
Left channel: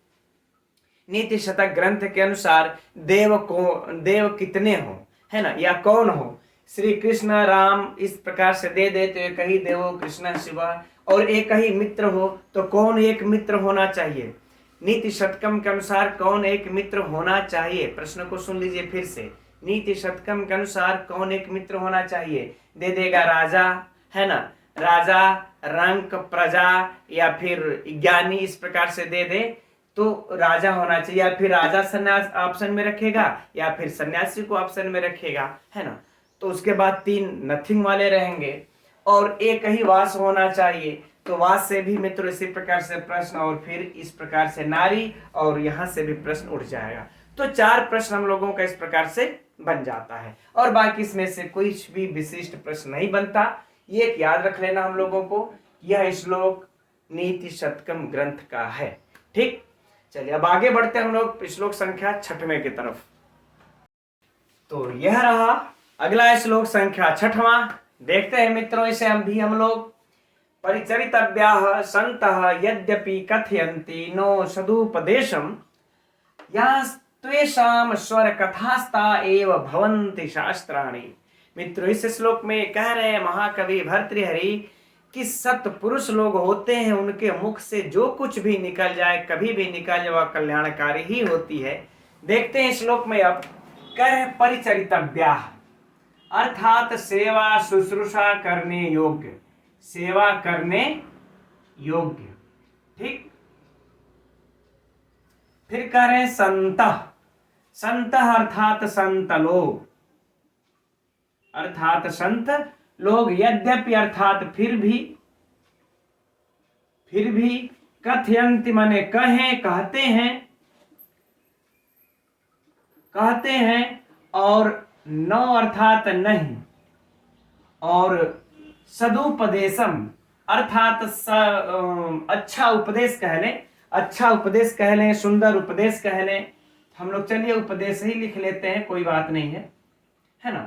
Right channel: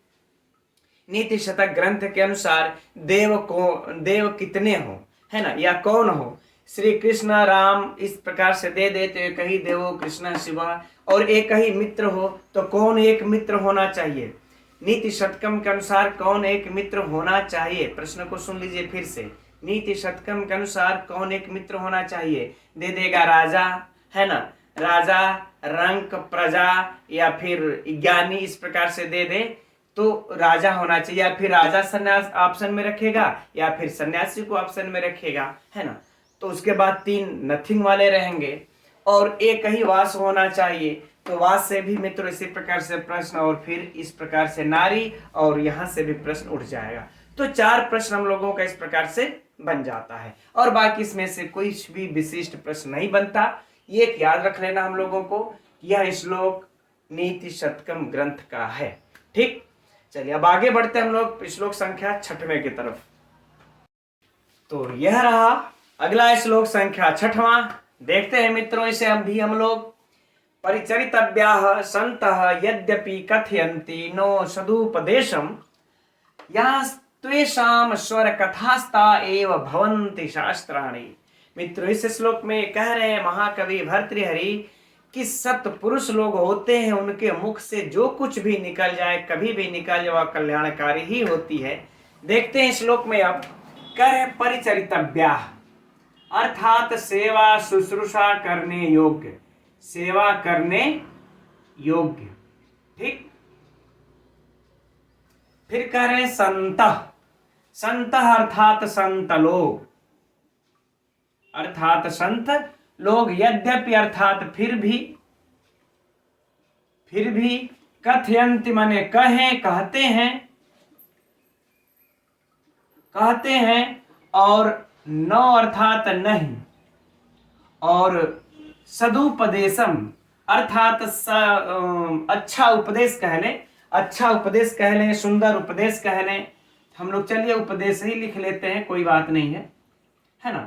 नीति शतक ग्रंथ के अनुसार देव कितने हो, है ना, या कौन हो, श्री कृष्ण राम, इस प्रकार से दे दे तो एक ही देवो कृष्ण शिव, और एक ही मित्र हो तो कौन एक मित्र होना चाहिए। नीति शतकम के अनुसार कौन एक मित्र होना चाहिए, प्रश्न को सुन लीजिए फिर से। नीति शतकम के अनुसार कौन एक मित्र होना चाहिए, दे देगा राजा, है ना, राजा, रंक, प्रजा या फिर ज्ञानी, इस प्रकार से दे दे तो राजा होना चाहिए, या फिर राजा सन्यास ऑप्शन में रखेगा या फिर सन्यासी को ऑप्शन में रखेगा, है ना। तो उसके बाद 3 नथिंग वाले रहेंगे और एक ही वास होना चाहिए, तो वास से भी मित्रों इसी प्रकार से प्रश्न, और फिर इस प्रकार से नारी, और यहां से भी प्रश्न उठ जाएगा। तो 4 प्रश्न हम लोगों का इस प्रकार से बन जाता है, और बाकी इसमें से कोई भी विशिष्ट प्रश्न नहीं बनता। ये याद रख लेना हम लोगों को, यह श्लोक नीति शतकम ग्रंथ का है। ठीक, चलिए अब आगे बढ़ते हैं हम लोग श्लोक संख्या 6वें की तरफ। तो यह रहा अगला श्लोक संख्या 6वां। देखते हैं मित्रों इसे हम लोग। परिचरितव्याः सन्तः यद्यपि कथयन्ति नो सदुपदेशम् यास्त्वेषां स्वर कथास्ता एव भवन्ति शास्त्राणि। मित्रों इस श्लोक में कह रहे हैं महाकवि भर्तृहरि कि सत्पुरुष लोग होते हैं, उनके मुख से जो कुछ भी निकल जाए, कभी भी निकल जाए, वह कल्याणकारी ही होती है। देखते हैं श्लोक में अब कह रहे परिचरितव्याः अर्थात सेवा शुश्रूषा करने योग्य, सेवा करने योग्य। ठीक, फिर कह रहे संतः, संतः अर्थात संत लोग, अर्थात संत लोग, यद्यपि अर्थात फिर भी कथयन्ति माने कहें, कहते हैं, और न अर्थात नहीं, और सदुपदेशम अर्थात अच्छा उपदेश कह लें, अच्छा उपदेश कह लें, सुंदर उपदेश कह लें। हम लोग चलिए उपदेश ही लिख लेते हैं, कोई बात नहीं है। है ना।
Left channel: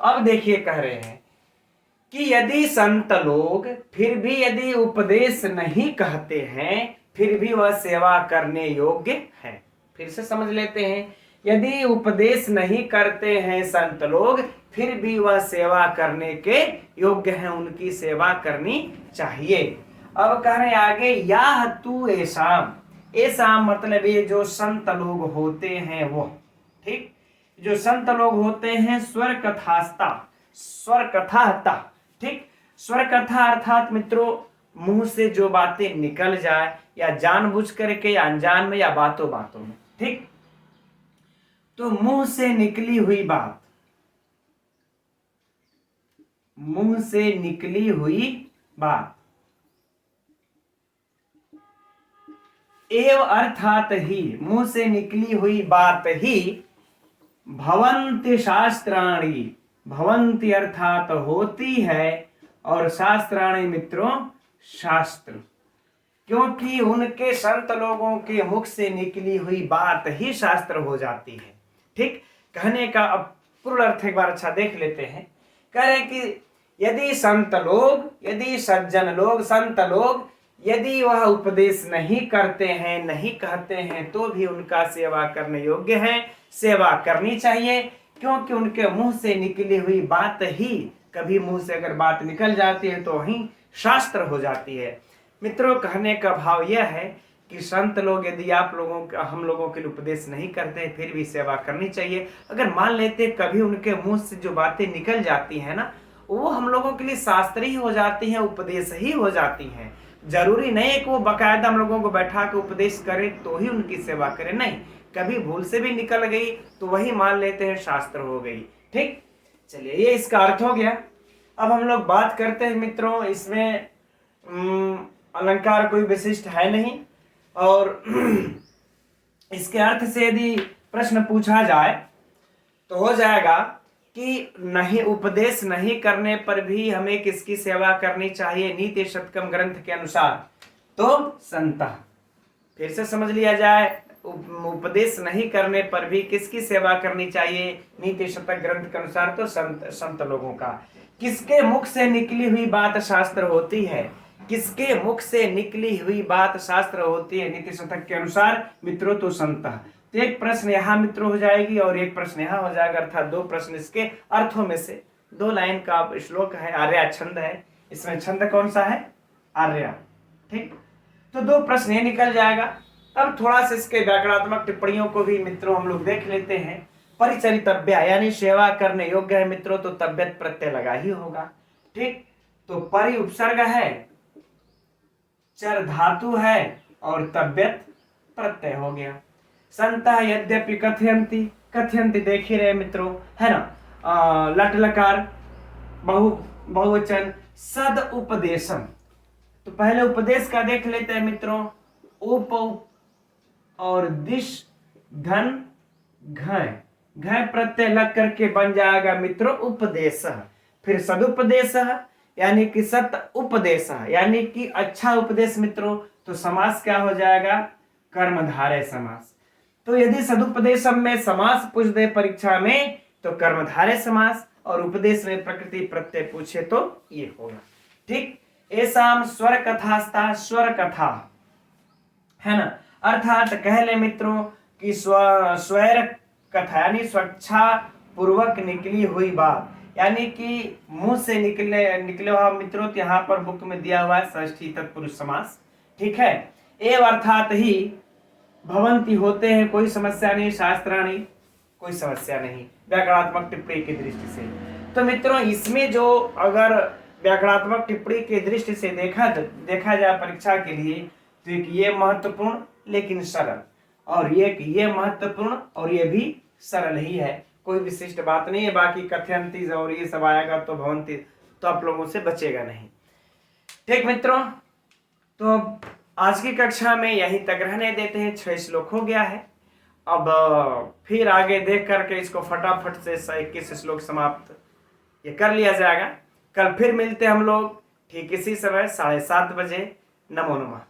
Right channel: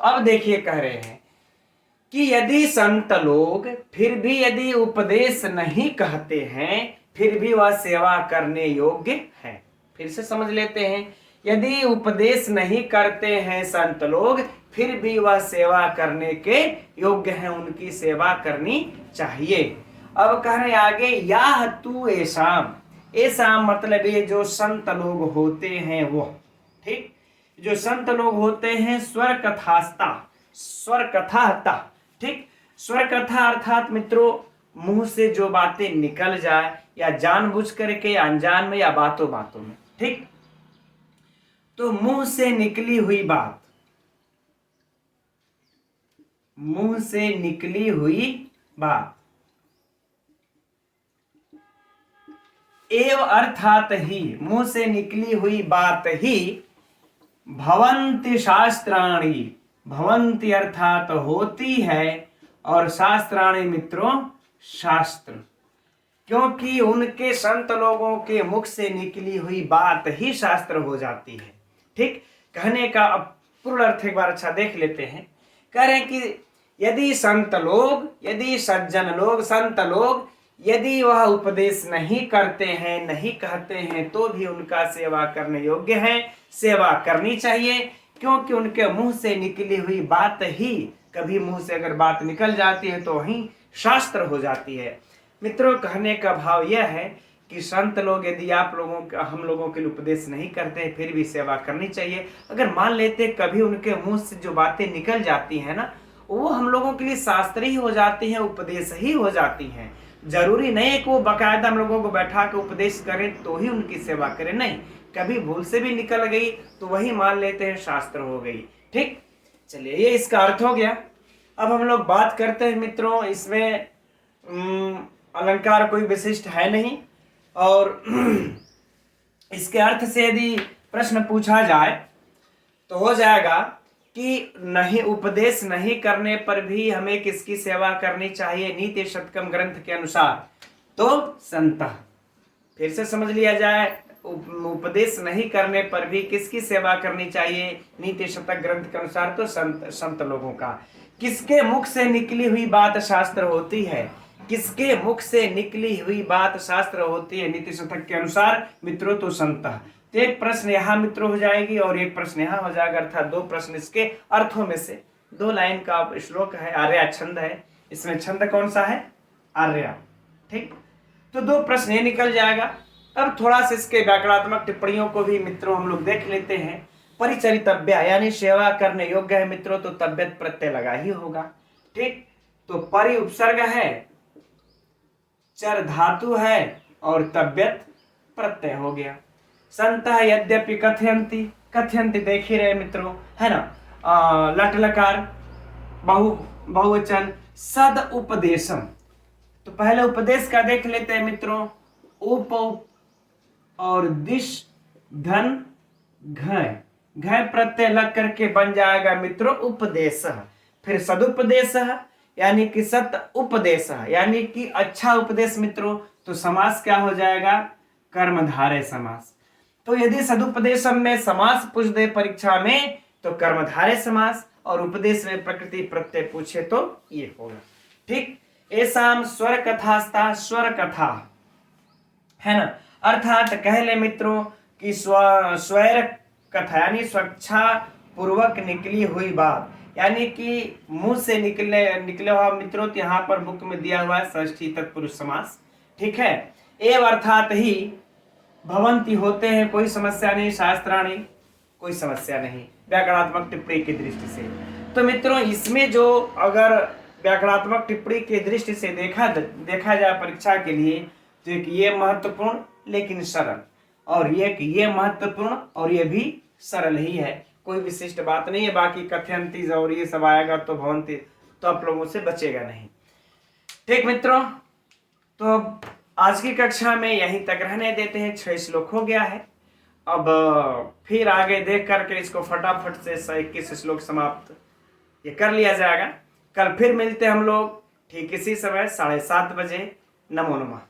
तो अब देखिए कह रहे हैं कि यदि संत लोग फिर भी यदि उपदेश नहीं कहते हैं फिर भी वह सेवा करने योग्य है। फिर से समझ लेते हैं, यदि उपदेश नहीं करते हैं संत लोग फिर भी वह सेवा करने के योग्य हैं, उनकी सेवा करनी चाहिए। अब कह रहे आगे, या तू ऐसाम, ऐसा मतलब ये जो संत लोग होते हैं वो, ठीक, जो संत लोग होते हैं स्वर कथास्ता, स्वर कथाहता, ठीक, स्वर कथा अर्थात मित्रों मुंह से जो बातें निकल जाए या जानबूझ करके या अनजान में या बातों बातों में, ठीक, तो मुंह से निकली हुई बात, मुंह से निकली हुई बात, एव अर्थात ही, मुंह से निकली हुई बात ही भवन्ति शास्त्राणि, भवन्ति अर्थात होती है, और शास्त्राणि मित्रों शास्त्र, क्योंकि उनके संत लोगों के मुख से निकली हुई बात ही शास्त्र हो जाती है। ठीक, कहने का अब पूर्ण अर्थ एक बार अच्छा देख लेते हैं। कह रहे हैं कि यदि संत लोग, यदि सज्जन लोग, संत लोग यदि वह उपदेश नहीं करते हैं, नहीं कहते हैं, तो भी उनका सेवा करने योग्य है, सेवा करनी चाहिए, क्योंकि उनके मुंह से निकली हुई बात ही, कभी मुंह से अगर बात निकल जाती है तो वही शास्त्र हो जाती है। मित्रों, कहने का भाव यह है कि संत लोग यदि आप लोगों का, हम लोगों के लिए उपदेश नहीं करते फिर भी सेवा करनी चाहिए। अगर मान लेते कभी उनके मुंह से जो बातें निकल जाती हैं ना, वो हम लोगों के लिए शास्त्र ही हो जाती हैं, उपदेश ही हो जाती हैं। जरूरी नहीं है कि वो बाकायदा हम लोगों को बैठा के उपदेश करें तो ही उनकी सेवा करें, नहीं, कभी भूल से भी निकल गई तो वही मान लेते हैं शास्त्र हो गई। ठीक, चलिए ये इसका अर्थ हो गया। अब हम लोग बात करते हैं मित्रों, इसमें अलंकार कोई विशिष्ट है नहीं, और इसके अर्थ से यदि प्रश्न पूछा जाए तो हो जाएगा कि नहीं, उपदेश नहीं करने पर भी हमें किसकी सेवा करनी चाहिए? नीति शतकम ग्रंथ के अनुसार तो संता। फिर से समझ लिया जाए, उपदेश नहीं करने पर भी किसकी सेवा करनी चाहिए? नीति शतक ग्रंथ के अनुसार तो संत लोगों का। किसके मुख से निकली हुई बात शास्त्र होती है? किसके मुख से निकली हुई बात शास्त्र होती है नीति शतक के अनुसार? मित्रों तो संत। तो एक प्रश्न यहाँ मित्रों हो जाएगी और एक प्रश्न यहाँ हो जाएगा, अर्थात दो प्रश्न इसके अर्थों में से। दो लाइन का श्लोक है, आर्या छंद है, इसमें छंद कौन सा है? आर्या। ठीक, तो दो प्रश्न ये निकल जाएगा। अब थोड़ा सा इसके व्याकरणात्मक टिप्पणियों को भी मित्रों हम लोग देख लेते हैं। परिचरितव्य यानी सेवा करने योग्य है मित्रों, तो तब्यत प्रत्यय लगा ही होगा। ठीक, तो परि उपसर्ग है, चर धातु है और तब्यत प्रत्यय हो गया। संतः यद्यपि कथयन्ति, कथयन्ति देख ही रहे मित्रों, है ना, लट लकार बहुवचन सद उपदेशम। तो पहले उपदेश का देख लेते हैं मित्रों, उप और दिश धन घय, घय प्रत्यय लग करके बन जाएगा मित्रों उपदेश। फिर सदुपदेश यानी कि सत उपदेश यानी कि अच्छा उपदेश मित्रों, तो समास क्या हो जाएगा? कर्मधारय समास। तो यदि सदुपदेशम में समास पूछ दे परीक्षा में तो कर्मधारय समास, और उपदेश में प्रकृति प्रत्यय पूछे तो ये होगा। ठीक, ऐसा स्वर कथास्ता, स्वर कथा है ना, अर्थात कह ले मित्रों कि स्वर कथा यानी स्वेच्छा पूर्वक निकली हुई बात, यानी कि मुंह से निकले हुआ मित्रों, तो यहाँ पर बुक में दिया हुआ है षष्ठी तत्पुरुष समास। ठीक है, एव अर्थात ही भवंती होते हैं, कोई समस्या नहीं, शास्त्राणी कोई समस्या नहीं व्याकरणात्मक टिप्पणी की दृष्टि से। तो मित्रों इसमें जो अगर व्याकरणात्मक टिप्पणी की दृष्टि से देखा जाए परीक्षा के लिए, तो एक ये महत्वपूर्ण लेकिन सरल, और ये महत्वपूर्ण और ये भी सरल ही है, कोई विशिष्ट बात नहीं है। बाकी कथयंती और ये सब आएगा तो भवंती तो आप लोगों से बचेगा नहीं। ठीक मित्रों, तो आज की कक्षा में यहीं तक रहने देते हैं, 6 श्लोक हो गया है। अब फिर आगे देख करके इसको फटाफट से 21 श्लोक समाप्त ये कर लिया जाएगा। कल फिर मिलते हैं हम लोग ठीक इसी समय 7:30 बजे। नमो नमः।